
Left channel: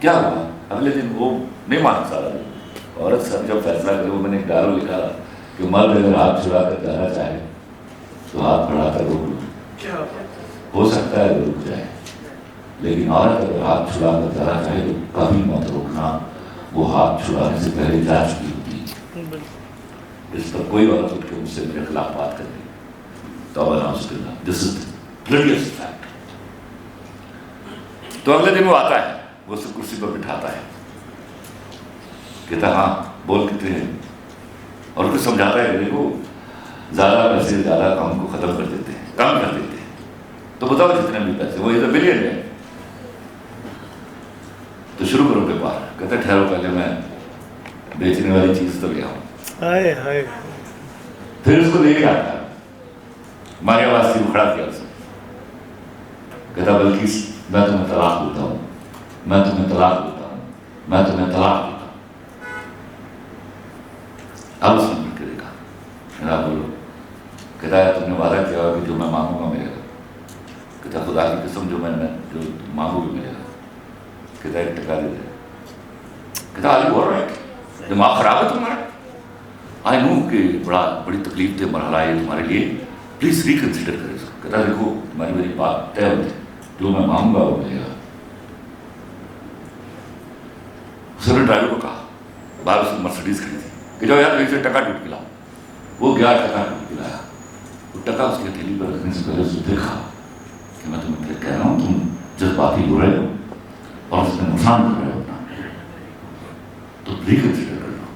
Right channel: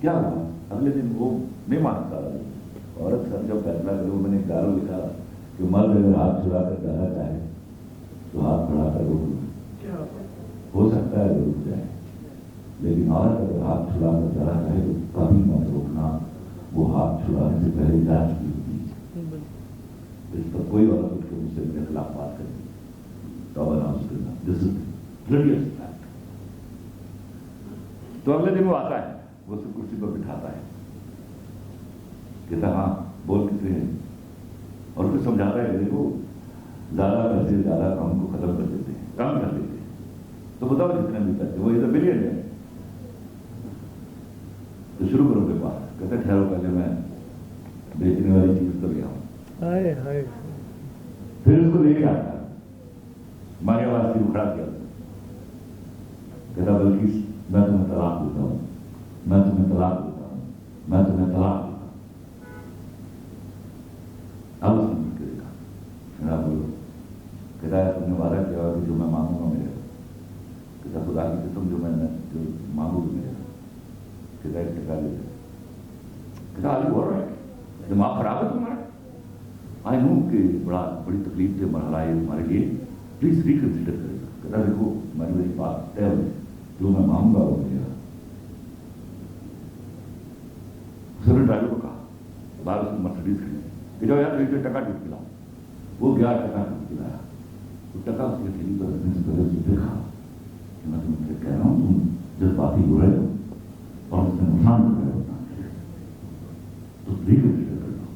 کیا ہوا اگلے دن وہ نہیں مانا سارا دن. عورت سب جب فیصلہ کرے, وہ میں نے ایک ڈارو لکھا کہ مرد اگر ہاتھ چھڑا کر جانا چاہے تو ہاتھ بڑھا کر روک لو, ہو سکتا ہے رک جائے, لیکن عورت اگر ہاتھ چھڑا کر جانا چاہے تو کبھی مت روکنا, وہ ہاتھ چھڑانے سے پہلے جا چکی ہوتی ہے. اس پر کوئی عورت اٹھ کے مجھ سے میرے خلاف بات کر دی, توبہ نعوذ باللہ, دس از بلڈیسٹ فیکٹ. تو اگلے دن وہ آتا ہے, وہ اسے کرسی پر بٹھاتا ہے, کہتا ہاں بول کتنے ہیں, اور پھر سمجھاتا ہے کہ دیکھو زیادہ پیسے زیادہ کام کو ختم کر دیتے ہیں, کم کر دیتے ہیں, تو بتاؤ جتنے بھی پیسے, وہ ادھر ملین ہے تو شروع کرو بیپار. کہتا ہے ٹھہرو پہلے میں بیچنے والی چیز تو لے آؤں. پھر اس کو لے کے آتا ہے, ماریا آواز سے کھڑا کیا اسے. کہتا بلکہ میں تمہیں طلاق دیتا ہوں, میں تمہیں طلاق دیتا ہوں, میں تمہیں طلاق دیتا ہوں. اب اس نے مل کے دیکھا, میرا بولو. کہتا ہے تم نے وعدہ کیا کہ جو میں مانگوں گا ملے گا. کہتا خدا کی قسم جو میں جو مانگوں گی ملے گا. کہتا 1 ٹکا دے دے. کہتا آئی بول رہا ہے دماغ خراب ہے تمہارا, آئی نو کہ بڑی تکلیف دہ مرحلہ ہے تمہارے لیے, پلیز ریکنسیڈر کرے اس کو. کہتا دیکھو تمہاری میری بات طے ہوتی, جو میں مانگوں گا وہ ملے گا. اس نے ڈرائیور کو کہا, باہر اس نے مرسڈیز کھڑی تھی, کہ جاؤ یار سے ٹکا ٹوٹ کے لاؤ. وہ گیا ٹکا ٹوٹ کے لایا. وہ ٹکا اس کی ہتھیلی پر رکھنے سے پہلے اس نے دیکھا کہ میں تمہیں پھر کہہ رہا ہوں تم جذباتی ہو رہے ہو اور اس میں نقصان کر رہے ہو اپنا, تو ریکنسیڈر کر لو.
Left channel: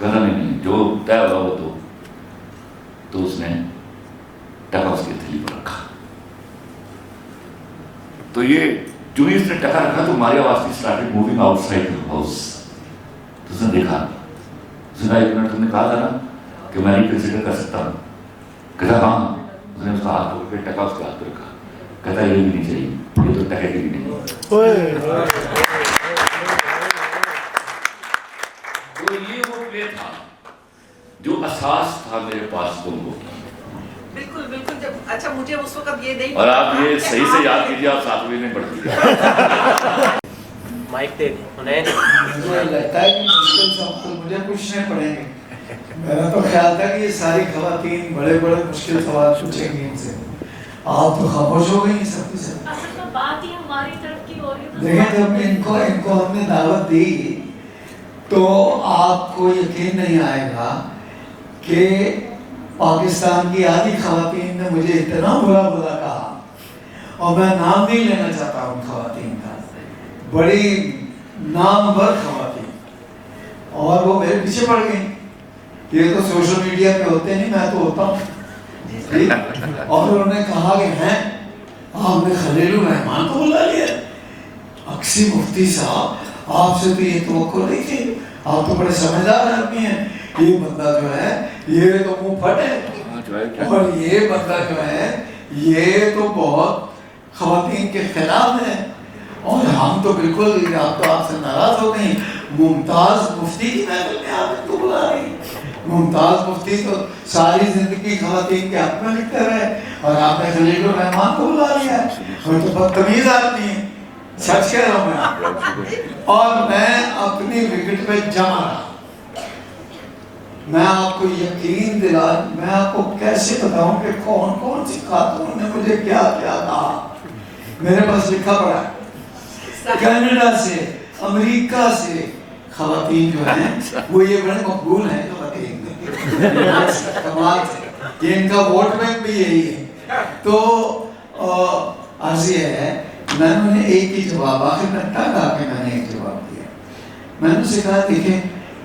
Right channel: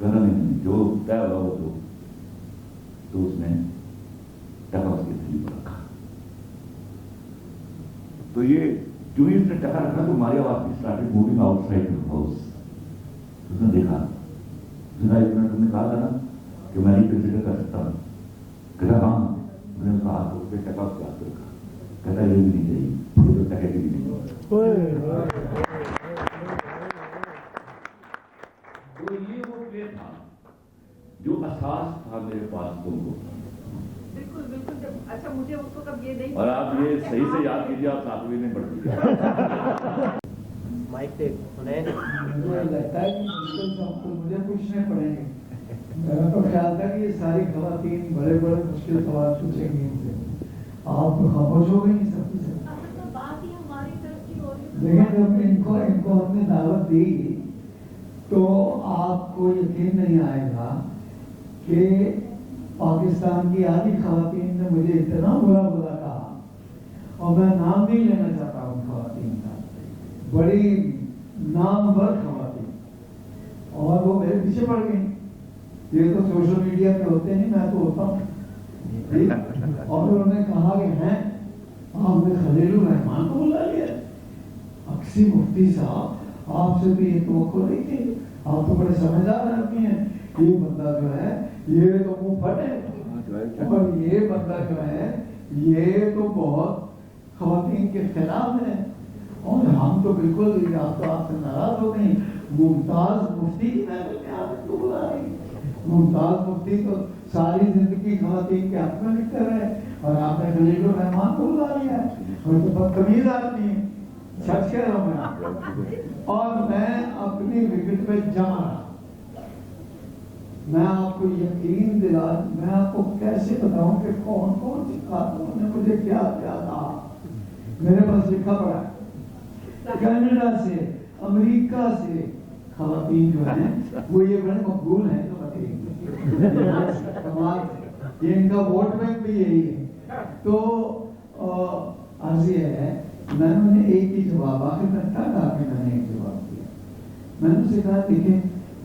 کہنا نہیں جو طے ہوا وہ تو اس نے ٹکا اس کی ہتھیلی پر رکھا. تو یہ جو اس نے ٹکا رکھا تو ماریا واسی started moving out side the house. تو اس نے دیکھا, اس نے 1 منٹ تم نے کہا تھا نا کہ میں ریکنسیڈر کر سکتا ہوں. کہتا ہاں. اس نے اس کا ہاتھ پکڑ کے ٹکا اس کے ہاتھ پہ رکھا. کہتا یہ بھی نہیں چاہیے, یہ تو ٹکے گی نہیں. تو یہ وہ پلے تھا جو اساس تھا میرے پاس تم کو. بالکل بالکل. جب اچھا مجھے اس وقت یہ نہیں, اور آپ یہ صحیح سے یاد کیجیے, آپ 7ویں میں پڑھتی ہیں. مائک دے انہیں مجھے لگتا ہے کہ مشکل سوال مجھے پوچھنے پڑیں گے. میرا تو خیال تھا کہ یہ ساری خواتین بڑے بڑے مشکل سوال پوچھیں گی ان سے, آپ تو خاموش ہو گئی سب کی سب. اصل میں بات ہی ہماری طرف کی ہو رہی ہے. دیکھیں جب ان کو ہم نے دعوت دی تو آپ کو یقین نہیں آئے گا کہ پاکستان کی آدھی خواتین نے مجھے اتنا برا کہا, اور میں نام نہیں لینا چاہتا ہوں خواتین کا, بڑی نامور خواتین, اور وہ میرے پیچھے پڑ گئی. یہ تو سوشل میڈیا پہ ہوتے نہیں, میں تو ہوتا ہوں. اور انہوں نے کہا کہ ہیں آپ نے خلیل الرحمان کو بلا لیا. اکسی مفتی صاحب آپ سے تو یہ توقع نہیں تھی, آپ تو بڑے سمجھدار آدمی ہیں. یہ بندہ جو ہے یہ تو منہ پھٹ ہے, اور یہ بندہ جو ہے یہ تو بہت خواتین کے خلاف ہے, اور ہم تو بالکل آپ سے ناراض ہو گئی. ممتاز مفتی کی محفل میں آپ ان کو بلا رہی. ممتاز مفتی تو ساری زندگی خواتین کے حق میں لکھتے رہے, اور آپ نے خلیل الرحمان کو بلا لیا. وہ تو بدتمیز آدمی ہے, سچ کہہ رہا ہوں میں. اور میں اپنی وکٹ پہ جمع رہا. میں آپ کو یقین دلا, میں آپ کو کیسے بتاؤں کہ کون کون سی خاتون نے مجھے کیا کیا کہا. میرے پاس لکھا پڑا ہے, کینیڈا سے, امریکہ سے خواتین جو ہیں وہ یہ بڑے مقبول ہیں خواتین کمال سے, یہ ان کا ووٹ بینک بھی یہی ہے. تو عرض یہ ہے, میں نے ایک ہی جواب, آخر میں تنگ آ کے میں نے ایک جواب دیا. میں نے اسے کہا دیکھیں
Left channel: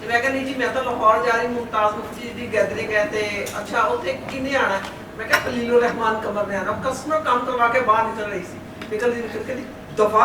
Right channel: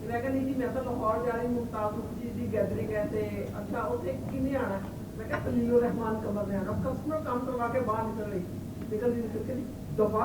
ਤੇ ਮੈਂ ਕਹਿੰਦੀ ਜੀ ਮੈਂ ਤਾਂ ਲਾਹੌਰ ਜਾ ਰਹੀ ਮੁਮਤਾਜ਼ ਮੁਫਤੀ ਦੀ ਗੈਦਰਿੰਗ ਹੈ ਤੇ ਅੱਛਾ ਉੱਥੇ ਕਿੰਨੇ ਆਣਾ, ਮੈਂ ਕਿਹਾ ਖਲੀਲੁਰ ਰਹਿਮਾਨ ਕਮਰ ਨੇ ਆਣਾ। ਕਸਟਮਰ ਕੰਮ ਕਰਵਾ ਕੇ ਬਾਹਰ ਨਿਕਲ ਰਹੀ ਸੀ, ਨਿਕਲ ਦੀ ਦਫਾ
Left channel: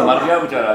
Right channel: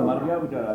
ਮਰ ਗਿਆ ਵਿਚਾਰਾ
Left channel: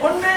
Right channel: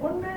ਹੁਣ ਮੈਂ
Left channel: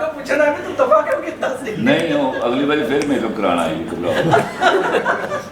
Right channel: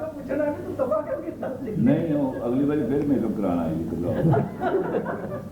ਕੇ ਪੁੱਛਣਾ ਕਿ ਤੂੰ ਦਫਾ ਕਿਉਂ ਕੀਤਾ ਸੀ। ਨਹੀਂ, ਉਹ ਅਗਲੀ ਵਾਰੀ ਫਿਰ ਮੇਕਅਪ ਕਰਾਉਣਾ ਆਏਗੀ, ਘਬਰਾਓ,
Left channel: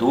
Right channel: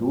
2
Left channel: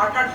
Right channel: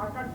8-8,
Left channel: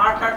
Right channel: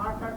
8-8,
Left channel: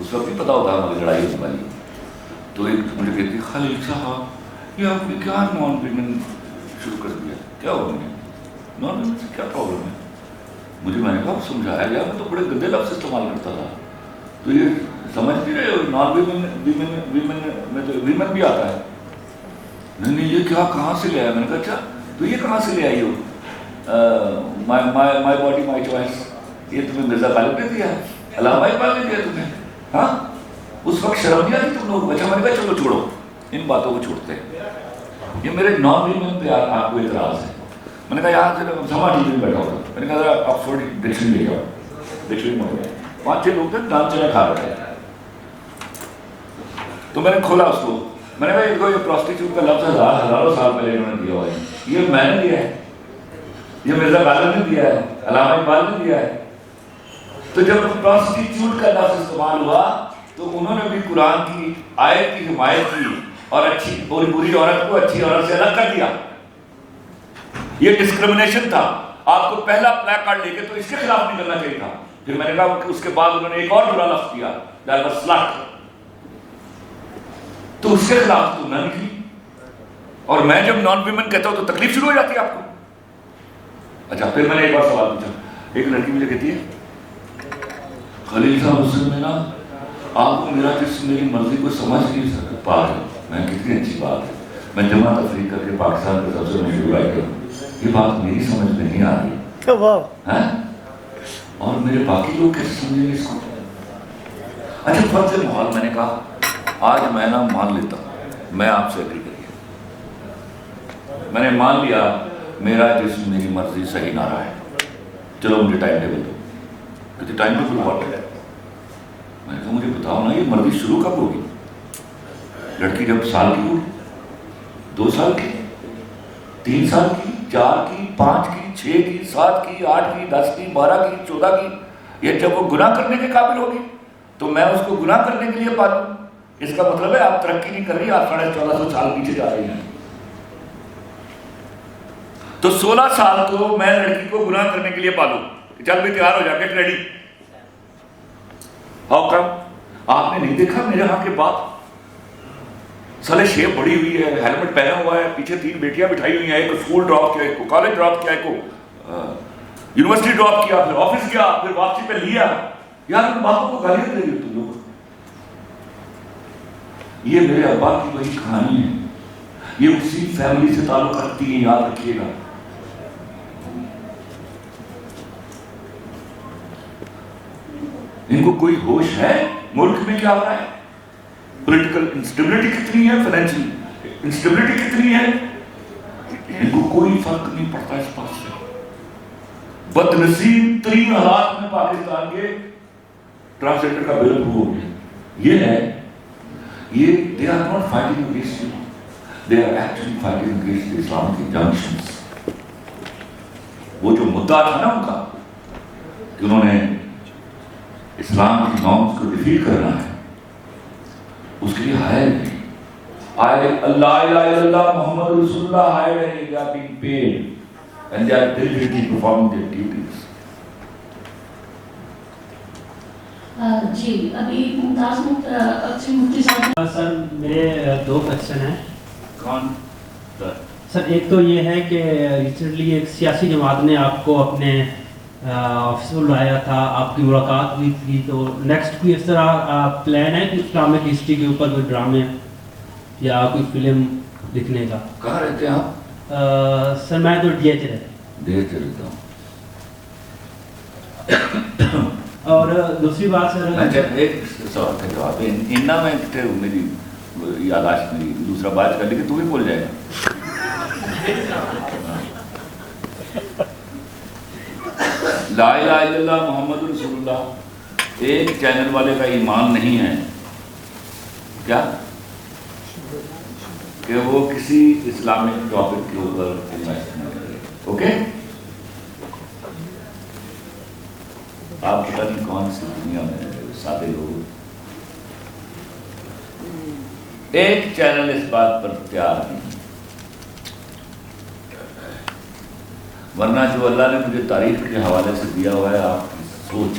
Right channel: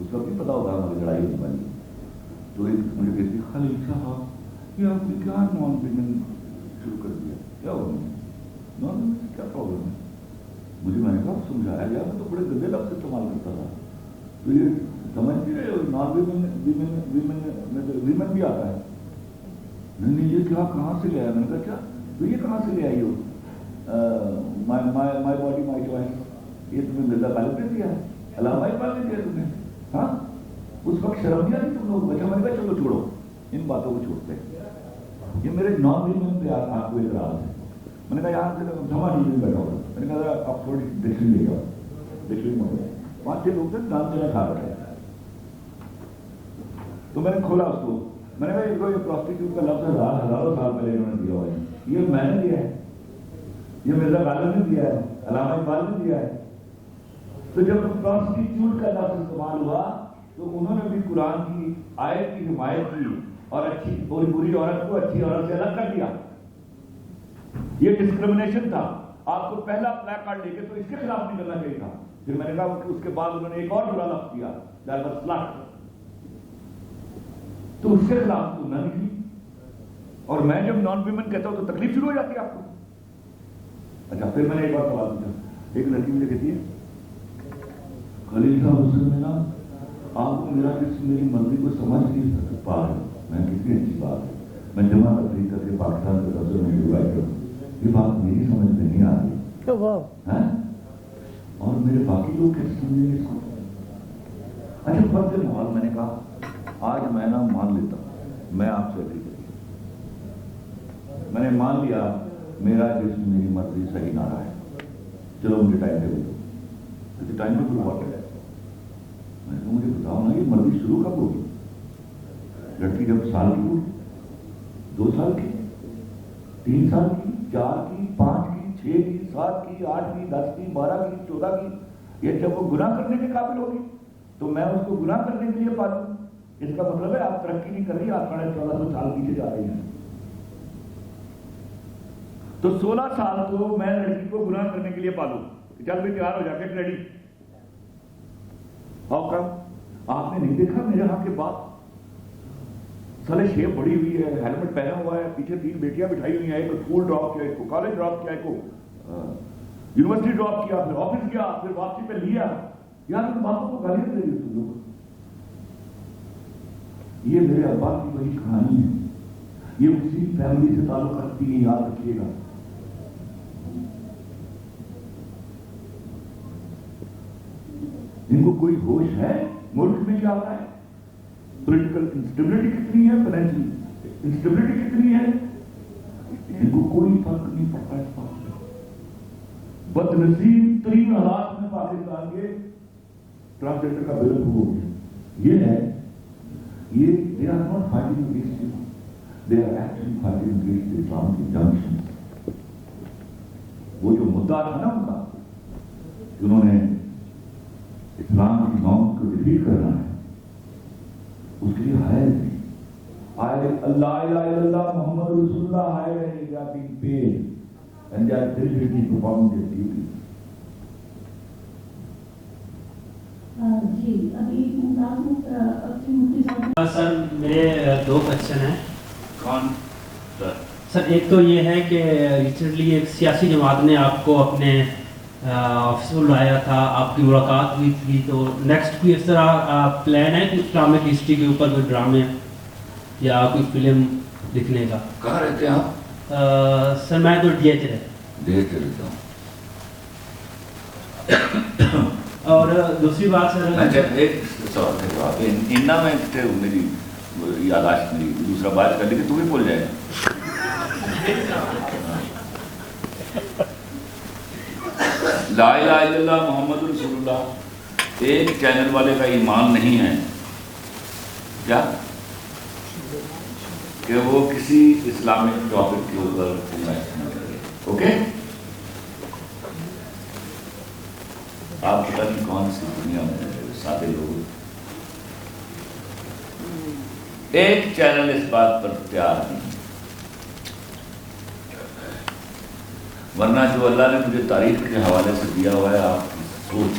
اس وقت نہیں پتا ہوتا ہماری لڑائی ہونے والی. تو ایک مجھے کہتی خلیل صاحب یہ آپ نے کیا نان ویمن شروع کر دیا, کیا ہو گیا نان ویمن سے کیا پرابلم ہے؟ میں نے کہا سمجھایا گیا, میں تو بڑے گندے لفظ استعمال کرتا تھا, تو یہ سمجھ نہیں رہے ہو نان ویمن میں تو ویمن بھی آتا ہے. نہیں یہ کیا کہاں سے لے آیا؟ میں نے کہا اچھا تو یہ کہاں سے لے آئی ہو مائی باڈی مائی چوائس, یہ تمہیں مرزا غالب نے دیا ہے, علامہ اقبال نے دیا تمہیں؟ ہاں اس وقت شرم نہیں آتی تم لوگ؟ اچھا میں نے کہا چلو چھوڑو ان باتوں کو چھوڑتے ہیں, یہ میرے نان ویمن پہ آپ کو اعتراض ہے. میں نے کہا یہاں سے سما ٹی وی میں بیٹھا ہوگا, میں نے کہا آکسفورڈ ڈکشنری لے جاؤ, ڈکشنری میں 5-6 لوگ تھے نان چنے کھا رہے تھے. تو میں نے کھولا اس کو, میں نے کہا یہ پروسٹیٹیوٹ کا لفظ ہزاروں سال پہلے انہوں نے دیا ہوا ہے, یہ میں نے دیا ہے, یہ مرزا غالب نے دیا ہے, علامہ اقبال نے دیا ہے. تو جب پروسٹیٹیوٹ کا لفظ استعمال ہوا تو انہوں نے بھی قرآن کی آیت کی حمایت کی اور اچھی اور بری عورت کو اچھی عورت سے الگ کر دیا. یہ ڈسکرمنیشن تھا. آپ کو پہلا پلیک کارڈ لے کے تو اس کے خلاف نہیں کرنا چاہیے تھا. پھر میں نے کہا کہ اس کے بعد انہوں نے ایک اور برا لفظ کیا, دیٹ واز سلٹ, تو اس کے خلاف تو نہ نکلی. اور میں جب نان ویمن کہتا ہوں تو تکلیف شروع ہو جاتی ہے آپ کو. اچھا پھر میں نے ایک بار سوال پوچھا, ایک لڑکی مجھے کہتی ہے خلیل صاحب اس میں نا آپ کو میرا جس میری مرضی کو سمجھ نہیں سکتا پا رہے. میں کتنی اچھی بات ہے, میں جمع تفریح کر کے پاکستان کے سب سے مشہور رائٹر ہوں, یہ بات میری سمجھ میں نہیں آ رہی اور میرے باقی لوگ کیسے سمجھیں گے اس کو؟ اچھا فرض محال میں نے کہا آج میں نا مان لیتا ہوں, میں آپ سے اگری کریے, میں نے مان لیا میرا جسم میری مرضی صحیح نہ رہا ہے, چلو مجھے ٹائم ٹیبل دو. کہتے ٹائم ٹیبل واٹ ہے؟ میں نے کہا مجھے بتاؤ نا یہ مرضی شروع کب ہوگی؟ لڑکی جب سال کی ہوگی, 2 سال کی, 3 سال کی, 4 کی, 5 کی, 6 کی, 7 کی, 8 کی, 10 کی, 12 کی, 14 کی. یہ جب وہ گناہ کرنے کے قابل ہوگی تو میں اس کو گناہ کرنے کے لیے پالوں. اس کا مطلب ہے آپ ترقی نہیں کر رہی, آپ 1450 سال پیچھے جا رہی ہیں. تو 16 سال کو میں لڑکی کو گناہ کرنے کے لیے پالوں, چل بھی تیار ہو جا, گیٹ ریڈی. How come? آپ نے نہیں دیکھا میرے ہاں کے باپ سالے شیپ بڑی ہوئی ہے, ہیلمٹ پہنا ہوا ہے, پیچھے 3 بیٹیاں بٹھائی ہوئی ہیں, ایک کو اسکول ڈراپ کیا, ایک کو کالج ڈراپ کیا, ایک کو یونیورسٹی ڈراپ کیا, پھر آفس گیا, پھر واپسی پہ لیا. یار ان باپوں کو گالیاں دے رہی ہو تم لوگ. یہ میرے ابا کی وہی کہانی ہے, یہ اسی فیملی سے تعلق رکھتی ہے, یاد رکھیے گا. ان کو کوئی ہوش ہے ملک میں کیا ہو رہا ہے؟ پولیٹیکل انسٹیبلٹی کتنی ہے, فائنینشیل انسٹیبلٹی کتنی ہے, ان کو کوئی فرق نہیں پڑتا اس بات سے. بدنصیب ترین حالات میں پاکستان کے ٹرانسلیٹر کا بل ہو گیا. یہ ہے, یہ they are not fighting against you, they are actually fighting against the Islamic injunctions. وہ جو مدعا تھا نا ان کا کہ انہوں نے اسلام کی نارمز کو ڈیفیٹ کرنا ہے, اس کے لیے ہائر نہیں. اللہ الہ الا اللہ محمد رسول اللہ ہائر نہیں, they are being paid and they are diligently performing their duties. جی ابھی ممتاز مفتی صاحب. سر میرے 2 کوشچن ہیں. کون سر؟ ایک تو یہ ہے کہ ریسنٹلی ایک سیاسی جماعت نے آپ کو اپنے آفس میں بلایا تھا, آپ کی ملاقات ہوئی تھی, تو نیکسٹ کوئی اس طرح پلان ہے کہ اسلامک ہسٹری کے اوپر کوئی ڈرامے یا کوئی فلم لکھنے کا؟ کہاں رہتے ہیں آپ؟ سر میں تو ڈی ایچ رہتا ہوں. اور دوسری بات سر, ایک سوال کا جواب ہے اننا میں کتنے میری یاداشت میری دوسرا بات کر لی کہ تمہیں بھول جائے گا. لا الہ الا اللہ محمد رسول اللہ ایک چینل والے کا ایمان نہیں ہے کیا کہ وہ کسی اسلامک ٹاپک کے اوپر انویسٹمنٹ کرے. اوکے, آپ پتہ نہیں کون سی دنیا میں سادے لوگ, ایک چینل اس بات پر تیار نہیں. ورنہ جو اللہ نے مجھے تاریخ کے حوالے سے دیا ہوا ہے آپ کی سوچ,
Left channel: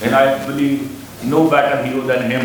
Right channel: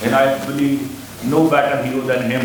and I believe no better hero than him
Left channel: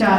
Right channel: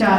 4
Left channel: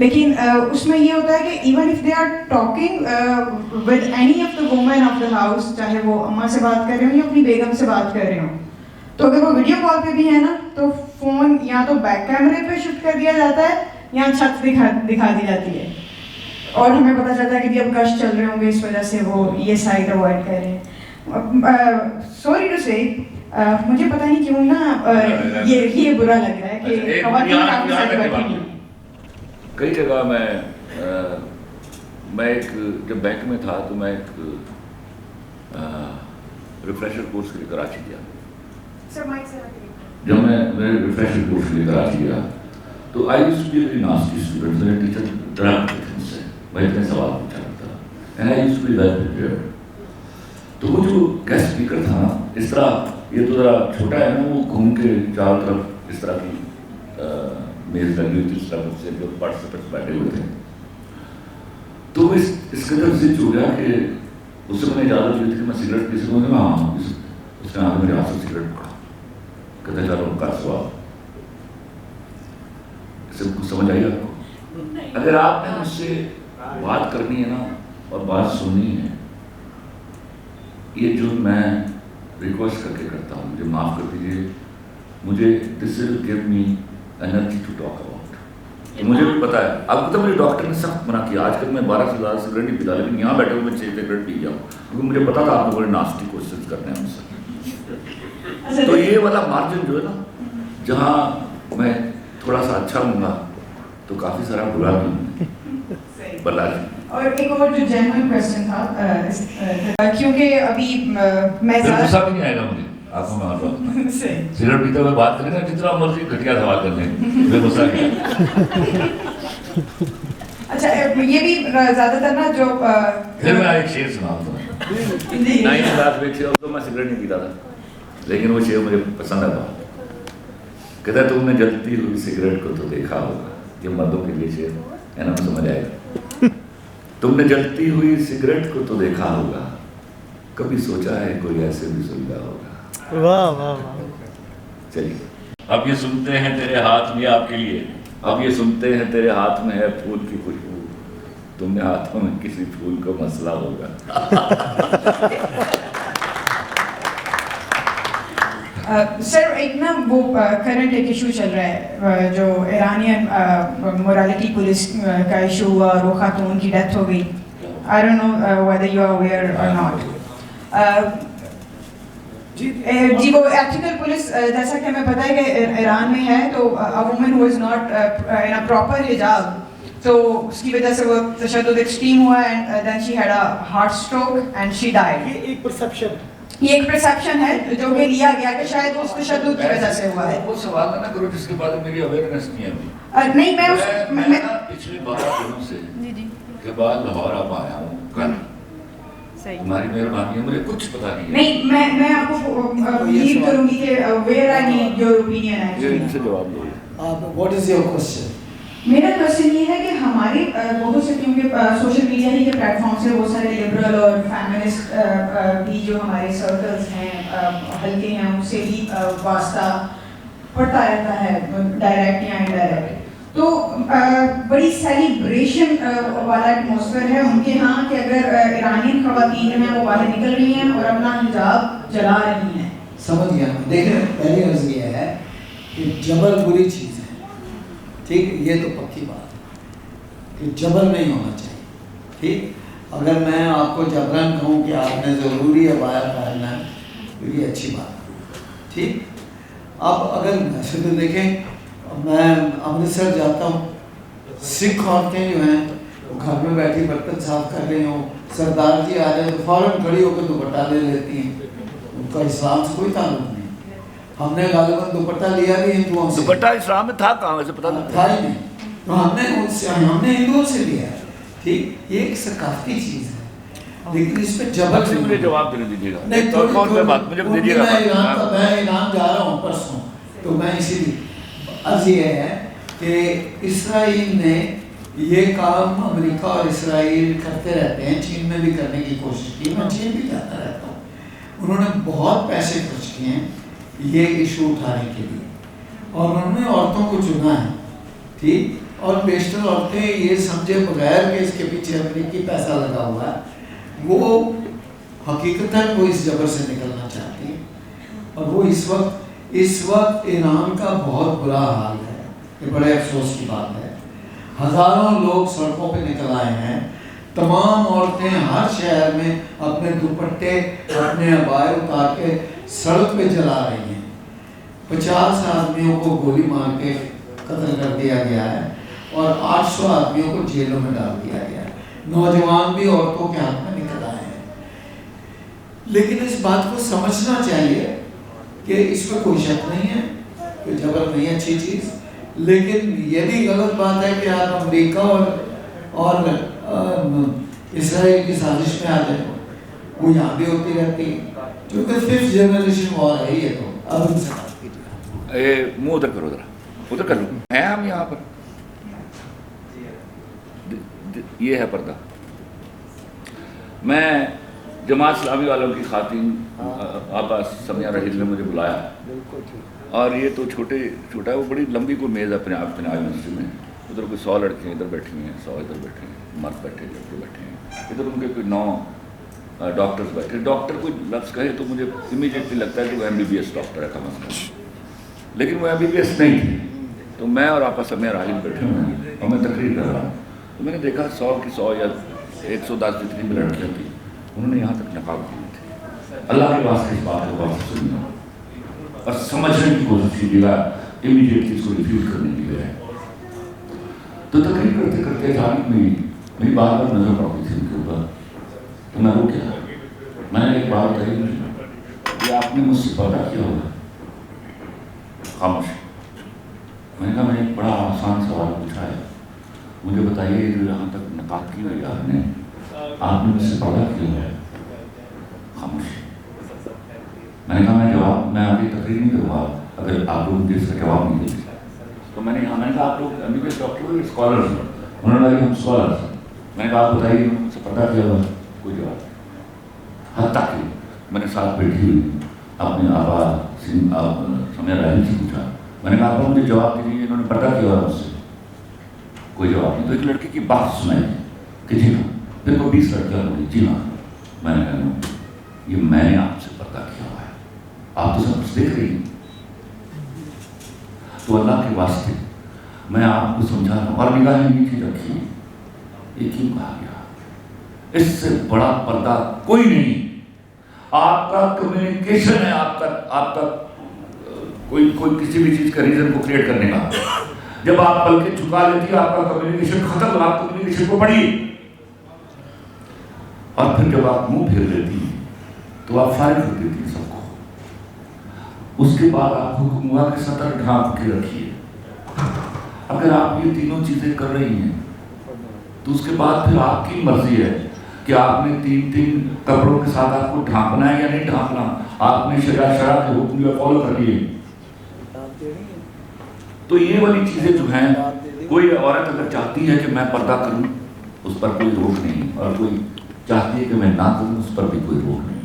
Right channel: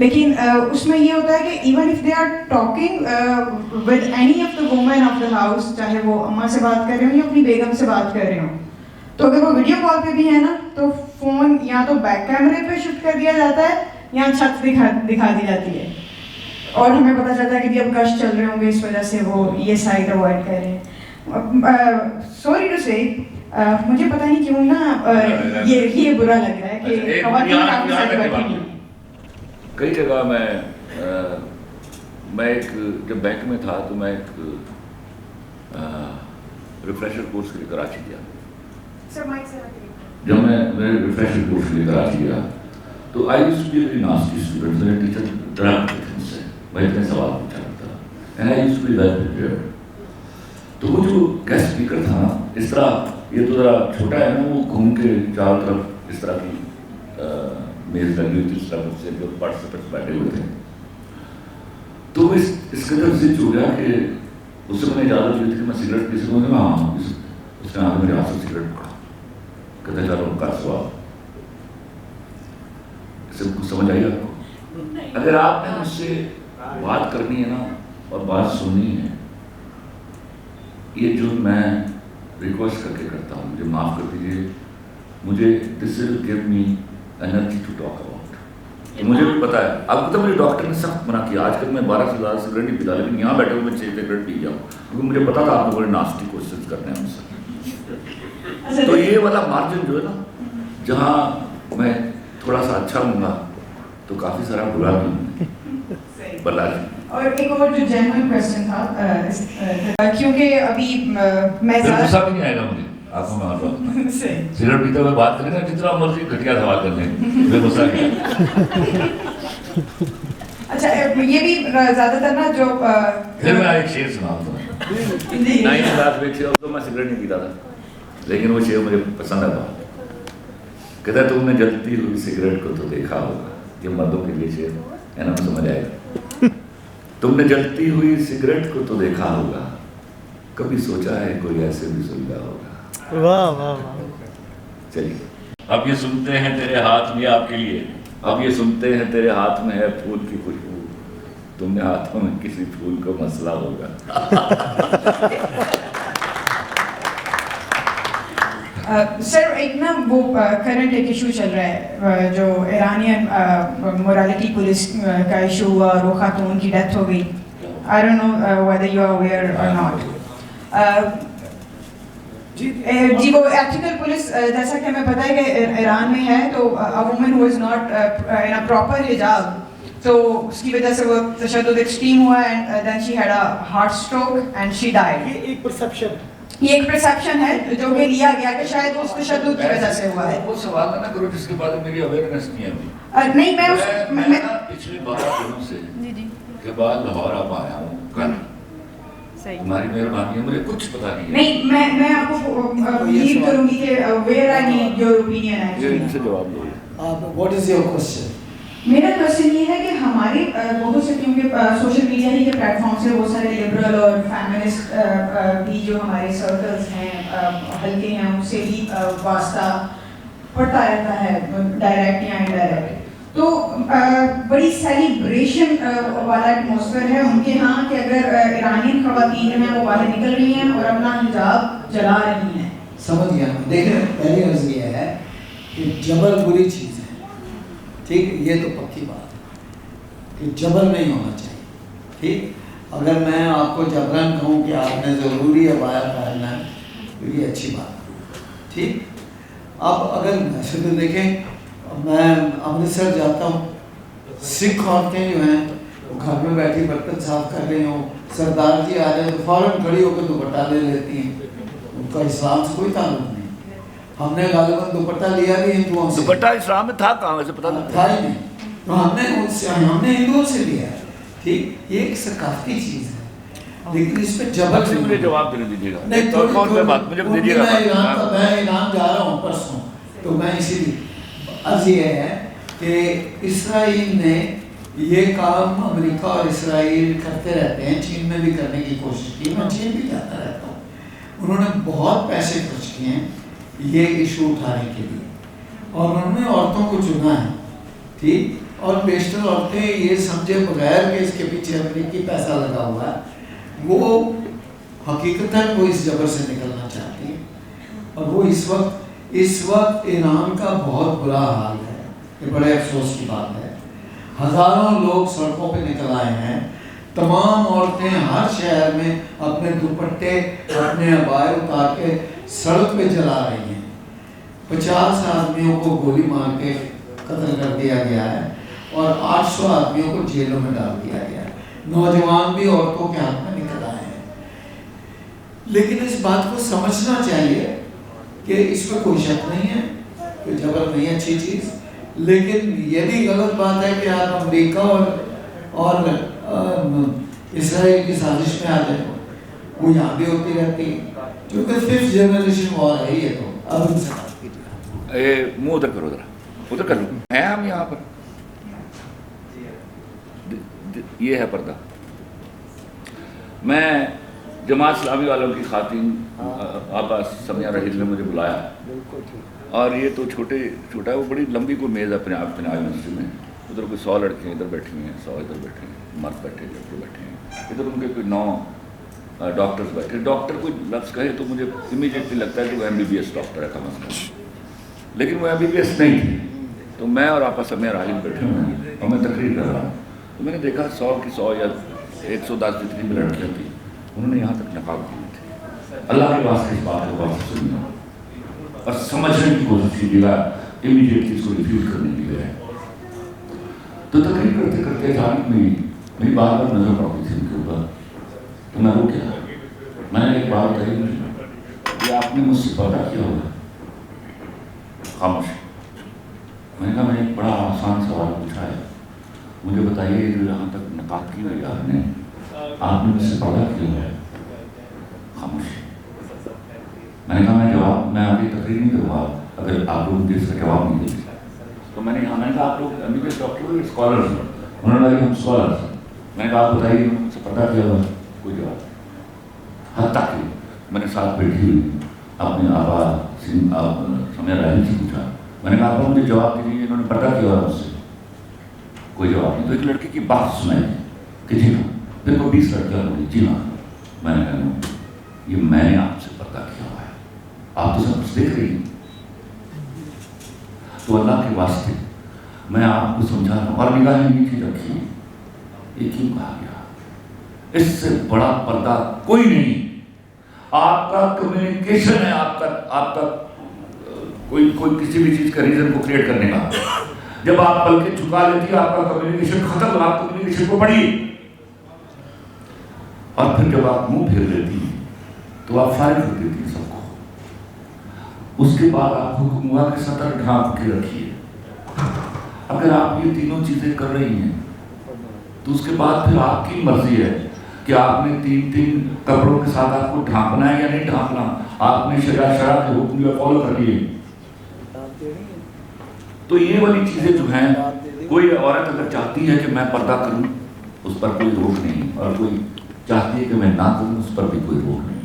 لیکن اس میں یہ ہوتا ہے کہ even if they are talking with any of the woman of the house, چاہے وہ اماں سے بات کر رہے ہوں یا اپنی بیگم سے بات کر رہے ہوں, تو اگر وہ ویڈیو کال پہ بھی ہے نا تو فون یا تو بیک کیمرے پہ شفٹ کر دیا جاتا ہے یا چھت دکھا دی جاتی ہے, اور ہمیں پتہ چلتا ہے کہ اب گشت چل رہے ہوں گے, اس وجہ سے وہ یہ سائڈ اوائڈ کر رہے ہیں. سوری ٹو سے مجھے پتہ نہیں کیوں نا یہ برا لگ رہا ہے کہ خواتین کافی ساتھ بیٹھی ہیں. کئی جگہ میں ایک جب بینک میں تھا تو میں ایک ریفریشر کورس کے لیے کراچی گیا. جب میں ریفریشر کورس کے لیے کراچی گیا تو I used to be very nasty student. میرے ٹیچر ڈراتے تھے مجھ سے, میں اتنے سوال پوچھا کرتا and I used to be well prepared. تو وہ جو گیسٹ اسپیکر تھا نا, اس طرح یہ تو ذرا چھوٹا ہے نا, وہ گھوم کے چاروں طرف اس طرح کی میز لگی ہوئی تھی, اس طرح مجھ سے جو پارٹیسپینٹس بیٹھے ہوئے تھے. تو وہ اس قدر زد ہو گیا کہ اس سے میں نے اجازت لی تھی کہ میں سگریٹ پی سکوں. میں ہاں, اس نے آگے میرے ہاتھ سے سگریٹ پکڑا, کہتے چلو کا سوال. اس سے کچھ سمجھ آئی آپ کو؟ اگر آپ نے مجھ سے بات کرنی ہے نا اور بات سننی ہے, یہ جو میں ریکویسٹ کر کے کرتا ہوں, مجھے معاف کر دیجیے, مجھے this will give me energy to talk about. مجھے بھی پتا ہے, آپ کو تو میرے ڈاکٹر نے سخت منع کیا, آج کل میں 12 سے زیادہ سگریٹ نہیں پیتا, لیکن یہاں بیٹھے ہوئے میں 6 سگریٹ پی جاؤں, کیونکہ مجھے پتا تھا آپ کو بڑے ناسٹی کوشچن کرنے ہیں مجھ سے. تو یہ والا مارجن جو ہے نا, جہاں میں تھوڑا سا اچھا ہوں گا تو کافی سارا برا بھی ہوں برداشت. اور ایک اور جو جینوئن کویسچن تھا, کیونکہ ابھی میں غصہ بھی نہیں آئے گا مجھے, آپ کو میں آ رہا ہوں سگریٹ پیتے ہوئے بات کریں گا, جتنا مرضی گھٹیا سوال کر لیں, مجھے غصہ نہیں. اچھا یہ بھی زیادہ تر نا جو پھر میں ایک شعر سناؤں تمہیں. 9 کلاس میں ایک شعر, تو میں سگریٹ نہیں پیتا تھا, لیکن وہ شعر مجھے پسند آتا. کہتا ہے تم نے جلتی ہوئی سگریٹ کو تو دیکھا ہوگا, یہ مردوں کے لیے شعر ہے نا, سمجھ آئے گا. تم نے جلتی ہوئی سگریٹ کو تو دیکھا ہوگا, کبھی سوچا ہے کوئی ایسے بھی سلگا ہوگا. واہ واہ واہ. چلیے اب یہ سنتے ہیں تیرے ہاتھ میں, آپ کے لیے اب یہ سنتے ہیں تیرے ہاتھ میں ہے پھول کی خوشبو, تم نے ہاتھوں میں کسی پھول کو مسئلہ ہوگا. سر ایک نا وہ کرنٹ ایک ایشو چل رہا ہے, جو ایرانین مورالٹی پولیس کا ایشو ہوا اور وہ خاتون کی ڈیتھ ہو گئی. I don't know whether you are aware or not. جی وہ ایتھیکل پولیس, جیسا کہ ہمیں پتہ ہے کہ ایران میں ہے, تو a woman who is not in a proper hijab, تو اس کی وجہ سے وہ تشدد ایکسٹریم ہوا, and then she had a heart stroke and she died. یہ ایک پرسیپشن, یہ ایک پرسیپشن ہے جو کہ لیا گیا کہ شاید اس تشدد کی وجہ سے ہوا ہے. وہ سوال نہ کرو جس کے بعد میری اویئرنیس نہیں ہے ابھی. نہیں میں پچھلے 12 دنوں سے کے بعد لاہور اب آیا ہوں کل. تمہاری مہربانی ہے, مجھے کچھ پتا نہیں ہے. میں آپ کو لیڈ کروں گی کہ where I need your opinion actually. ان سے جواب دو. What is your question? میرا کوشچن یہ ہے کہ ہمارے بہت سے, کیونکہ سوشل میڈیا ہی کے پلیٹ فارم سے بہت سارے لبرل اور فیمنسٹ بھی جو ہمارے سرکلز ہیں, ہلکے ہیں, ان سے بھی واسطہ پڑتا رہتا ہے, ڈائریکٹ یا انڈائریکٹ. تو بڑی سیلیبریشن والا ایٹماسفیئر ہے ان کے ہاں کہ اگر ایرانین خواتین ہیں وہ باہر نکل رہی ہیں اور اپنا حجاب جلا رہی ہیں. سمجھ گیا. دیکھیں پہلی عرض یہ ہے کہ جبر بری چیز ہے, ٹھیک, یہ تو پکی بات ہے کہ جبر نہیں ہونا چاہیے. ٹھیک, اگر میں آپ کو جبرن کہوں کہ آپ نے ضروری عبایا پہننا ہے تو یہ اچھی بات ہے. ٹھیک, اب اگر ویسے تو دیکھیں میں امرتسر جاتا ہوں, سکھ عورتیں جو ہیں وہ گھر میں بیٹھی برتن صاف کر رہی ہوں, سردار جی آ رہے ہیں تو فوراً کھڑی ہو کے دوپٹہ لے لیتی ہیں. ان کا اسلام سے کوئی تعلق نہیں. ہم نے غالباً دوپٹہ لیا بھی ہندوؤں سے. دوپٹہ اسلام میں تھا کہاں, ویسے پتا تھا ہی نہیں, تو ہم نے ہندوؤں سے لیا ہے. ٹھیک, یہ ایک ثقافتی چیز ہے, لیکن اس پہ جبر سے مجھے جواب دینے دیجیے گا. نہیں تو میں ایران جا رہا ہوں پرسوں, تو میں اسی لیے عرض یہ ہے کہ اسرائیل نے یہ کام امریکہ اور اسرائیل کرتے رہتے ہیں, چین میں بھی کرنے کی کوشش کی, میں چین بھی جاتا رہتا ہوں. انہوں نے بہت پیسے خرچ کیے ہیں یہ ایشو اٹھانے کے لیے, اور انہوں نے عورتوں کو چنا ہے. ٹھیک, اور بیشتر عورتیں یہ سمجھے بغیر کہ اس کے پیچھے امریکی پیسہ لگا ہوا ہے، وہ حقیقتاً وہ اس جبر سے نکلنا چاہتی ہیں. اور وہ اس وقت ایران کا بہت برا حال ہے. یہ بڑے افسوس کی بات ہے. ہزاروں لوگ سڑکوں پہ نکل آئے ہیں. تمام عورتیں ہر شہر میں اپنے دوپٹے اپنے عبائے اتار کے سڑک پہ چلا رہی ہیں. 50 آدمیوں کو گولی مار کے قتل کر دیا گیا ہے اور 800 آدمیوں کو جیلوں میں ڈال دیا گیا ہے. نوجوان بھی عورتوں کے ہاتھ میں نکل آئے ہیں. لیکن اس بات کو سمجھنا چاہیے کہ اس میں کوئی شک نہیں ہے کہ جبر نہیں اچھی چیز، لیکن یہ بھی غلط بات ہے کہ آپ امریکہ اور اسرائیل کی سازش میں آ جائیں. وہ یہاں بھی ہوتی رہتی ہے کیونکہ 5th جنریشن وار ہے. یہ تو اب ان سے بات کیجیے. منہ ادھر کرو، ادھر کر لو. ہیں ہم یہاں پر، یہ ہے پردہ. میں جماعت اسلامی والوں کی خواتین آپا سمیہ رحیل نے مجھے بلایا، اور یہ تو چھوٹا ہے، وہ بڑی لمبی کوئی میز اپنے آپ پہ یونیورسٹی میں. ادھر کوئی 100 لڑکیاں ادھر بیٹھی ہوئی ہیں، 100 ادھر بیٹھے ہیں، مرد بیٹھے ہیں، لڑکے بیٹھے ہیں. ادھر ان کے کوئی 9 ڈاکٹرز بیٹھے. ڈاکٹر کوئی لفظ کہے تو مجھے امیڈیٹلی لگتا ہے کہ وہ MBBS ڈاکٹر ہے کم از کم، لیکن وہ MBBS نہیں تھی. تو میں اور آپا سمیہ رحیل بیٹھے ہوئے ہیں اور میں تقریر کر رہا ہوں. تو میں نے دیکھا 100 کی 100 یا 110 جتنی بھی لڑکیاں تھیں، انہوں نے یہاں تک نقاب کی تھی. اللہ کے واسطے اس بات کو بات سننا اور سمجھنے کی کوشش کیجیے گا، امیڈیٹلی اس کو ریفیوز کرنے کی بجائے. تو تقریر کرتے کرتے جانب میری بار بار نظر پڑتی تھی ان کے اوپر. تو میں رک گیا. میں نے ایک بات کہی کہ آپ نے مجھ سے پردہ کیا ہوگا. خاموش. میں نے کہا میں نے ایک بڑا آسان سوال پوچھا ہے، مجھے بتائیے جو یہاں تک نقاب کی ہوئی آپ نے مجھ سے پردہ کیا ہے. خاموش. میں نے کہا میں آگے تقریر نہیں کروں گا اگر آپ لوگ مجھے اس کا جواب نہیں دیں. تو میں نے کہا آپ لوگ MBBS ڈاکٹر ہو اسکالرز ہیں؟ انہوں نے کہا کہ ہم اسکالرز ہیں. میں نے کہا آپ بتائیے مجھ سے پردہ کیا ہوا. کوئی جواب. حتیٰ کہ میں نے ساتھ بیٹھی ہوئی اپنے آبا سمیہ رحیل سے پوچھا. میں نے کہا آپ مجھے جواب دیجیے، انہوں نے پردہ کیا ہوا مجھ سے. کوئی جواب نہیں. تو ایک لڑکی کی بات سنائی کہ جی ہاں. پھر کو 20 لڑکیاں بولی جی ہاں. میں نے کہا یہ میں نے آپ سے پردہ کیا ہوا ہے، آپ تو سب کچھ دیکھ رہی ہیں. تو اللہ کے واسطے میں آپ کو سمجھا رہا ہوں. اور نگاہیں نیچے رکھی. یہ کیوں کہا گیا؟ اس سے بڑا پردہ کوئی نہیں. آپ کا کمیونیکیشن ہے، آپ کا کوئی کسی بھی چیز کا ریزن کو کریٹ کرنے کا. جب آپ پل کے چکا لیتی آپ کا کمیونیکیشن ختم. آپ کمیونیکیشن کو پڑھیے، اور پھر جب آپ منہ پھیر لیتی تو آپ فارغ کر دیتی سب کو. اس کے بعد آپ حکم ہوا کہ سطر ڈھانپ کے رکھیے. اگر آپ یہ تینوں چیزیں کر رہی ہیں تو اس کے بعد پھر آپ کی مرضی ہے کہ آپ نے 3 کپڑوں کے ساتھ آپ کو ڈھانپنا ہے یا نہیں ڈھانپنا. آپ نے شرع کے حکم جو فالو کر لیے. تو یہ والی چیزیں جو ہیں، کوئی عورت اگر چاہتی ہے کہ میں پردہ کروں اس پر کوئی روک نہیں، اور کوئی چاہتی ہے کہ میں نہ کروں اس پر بھی کوئی روک نہیں.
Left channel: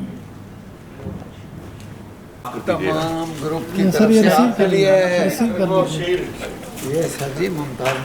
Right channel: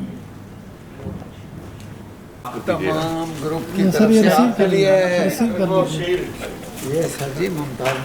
تمام گروپ کی طرف سے آپ کے لیے یہ سر جی ممتاز.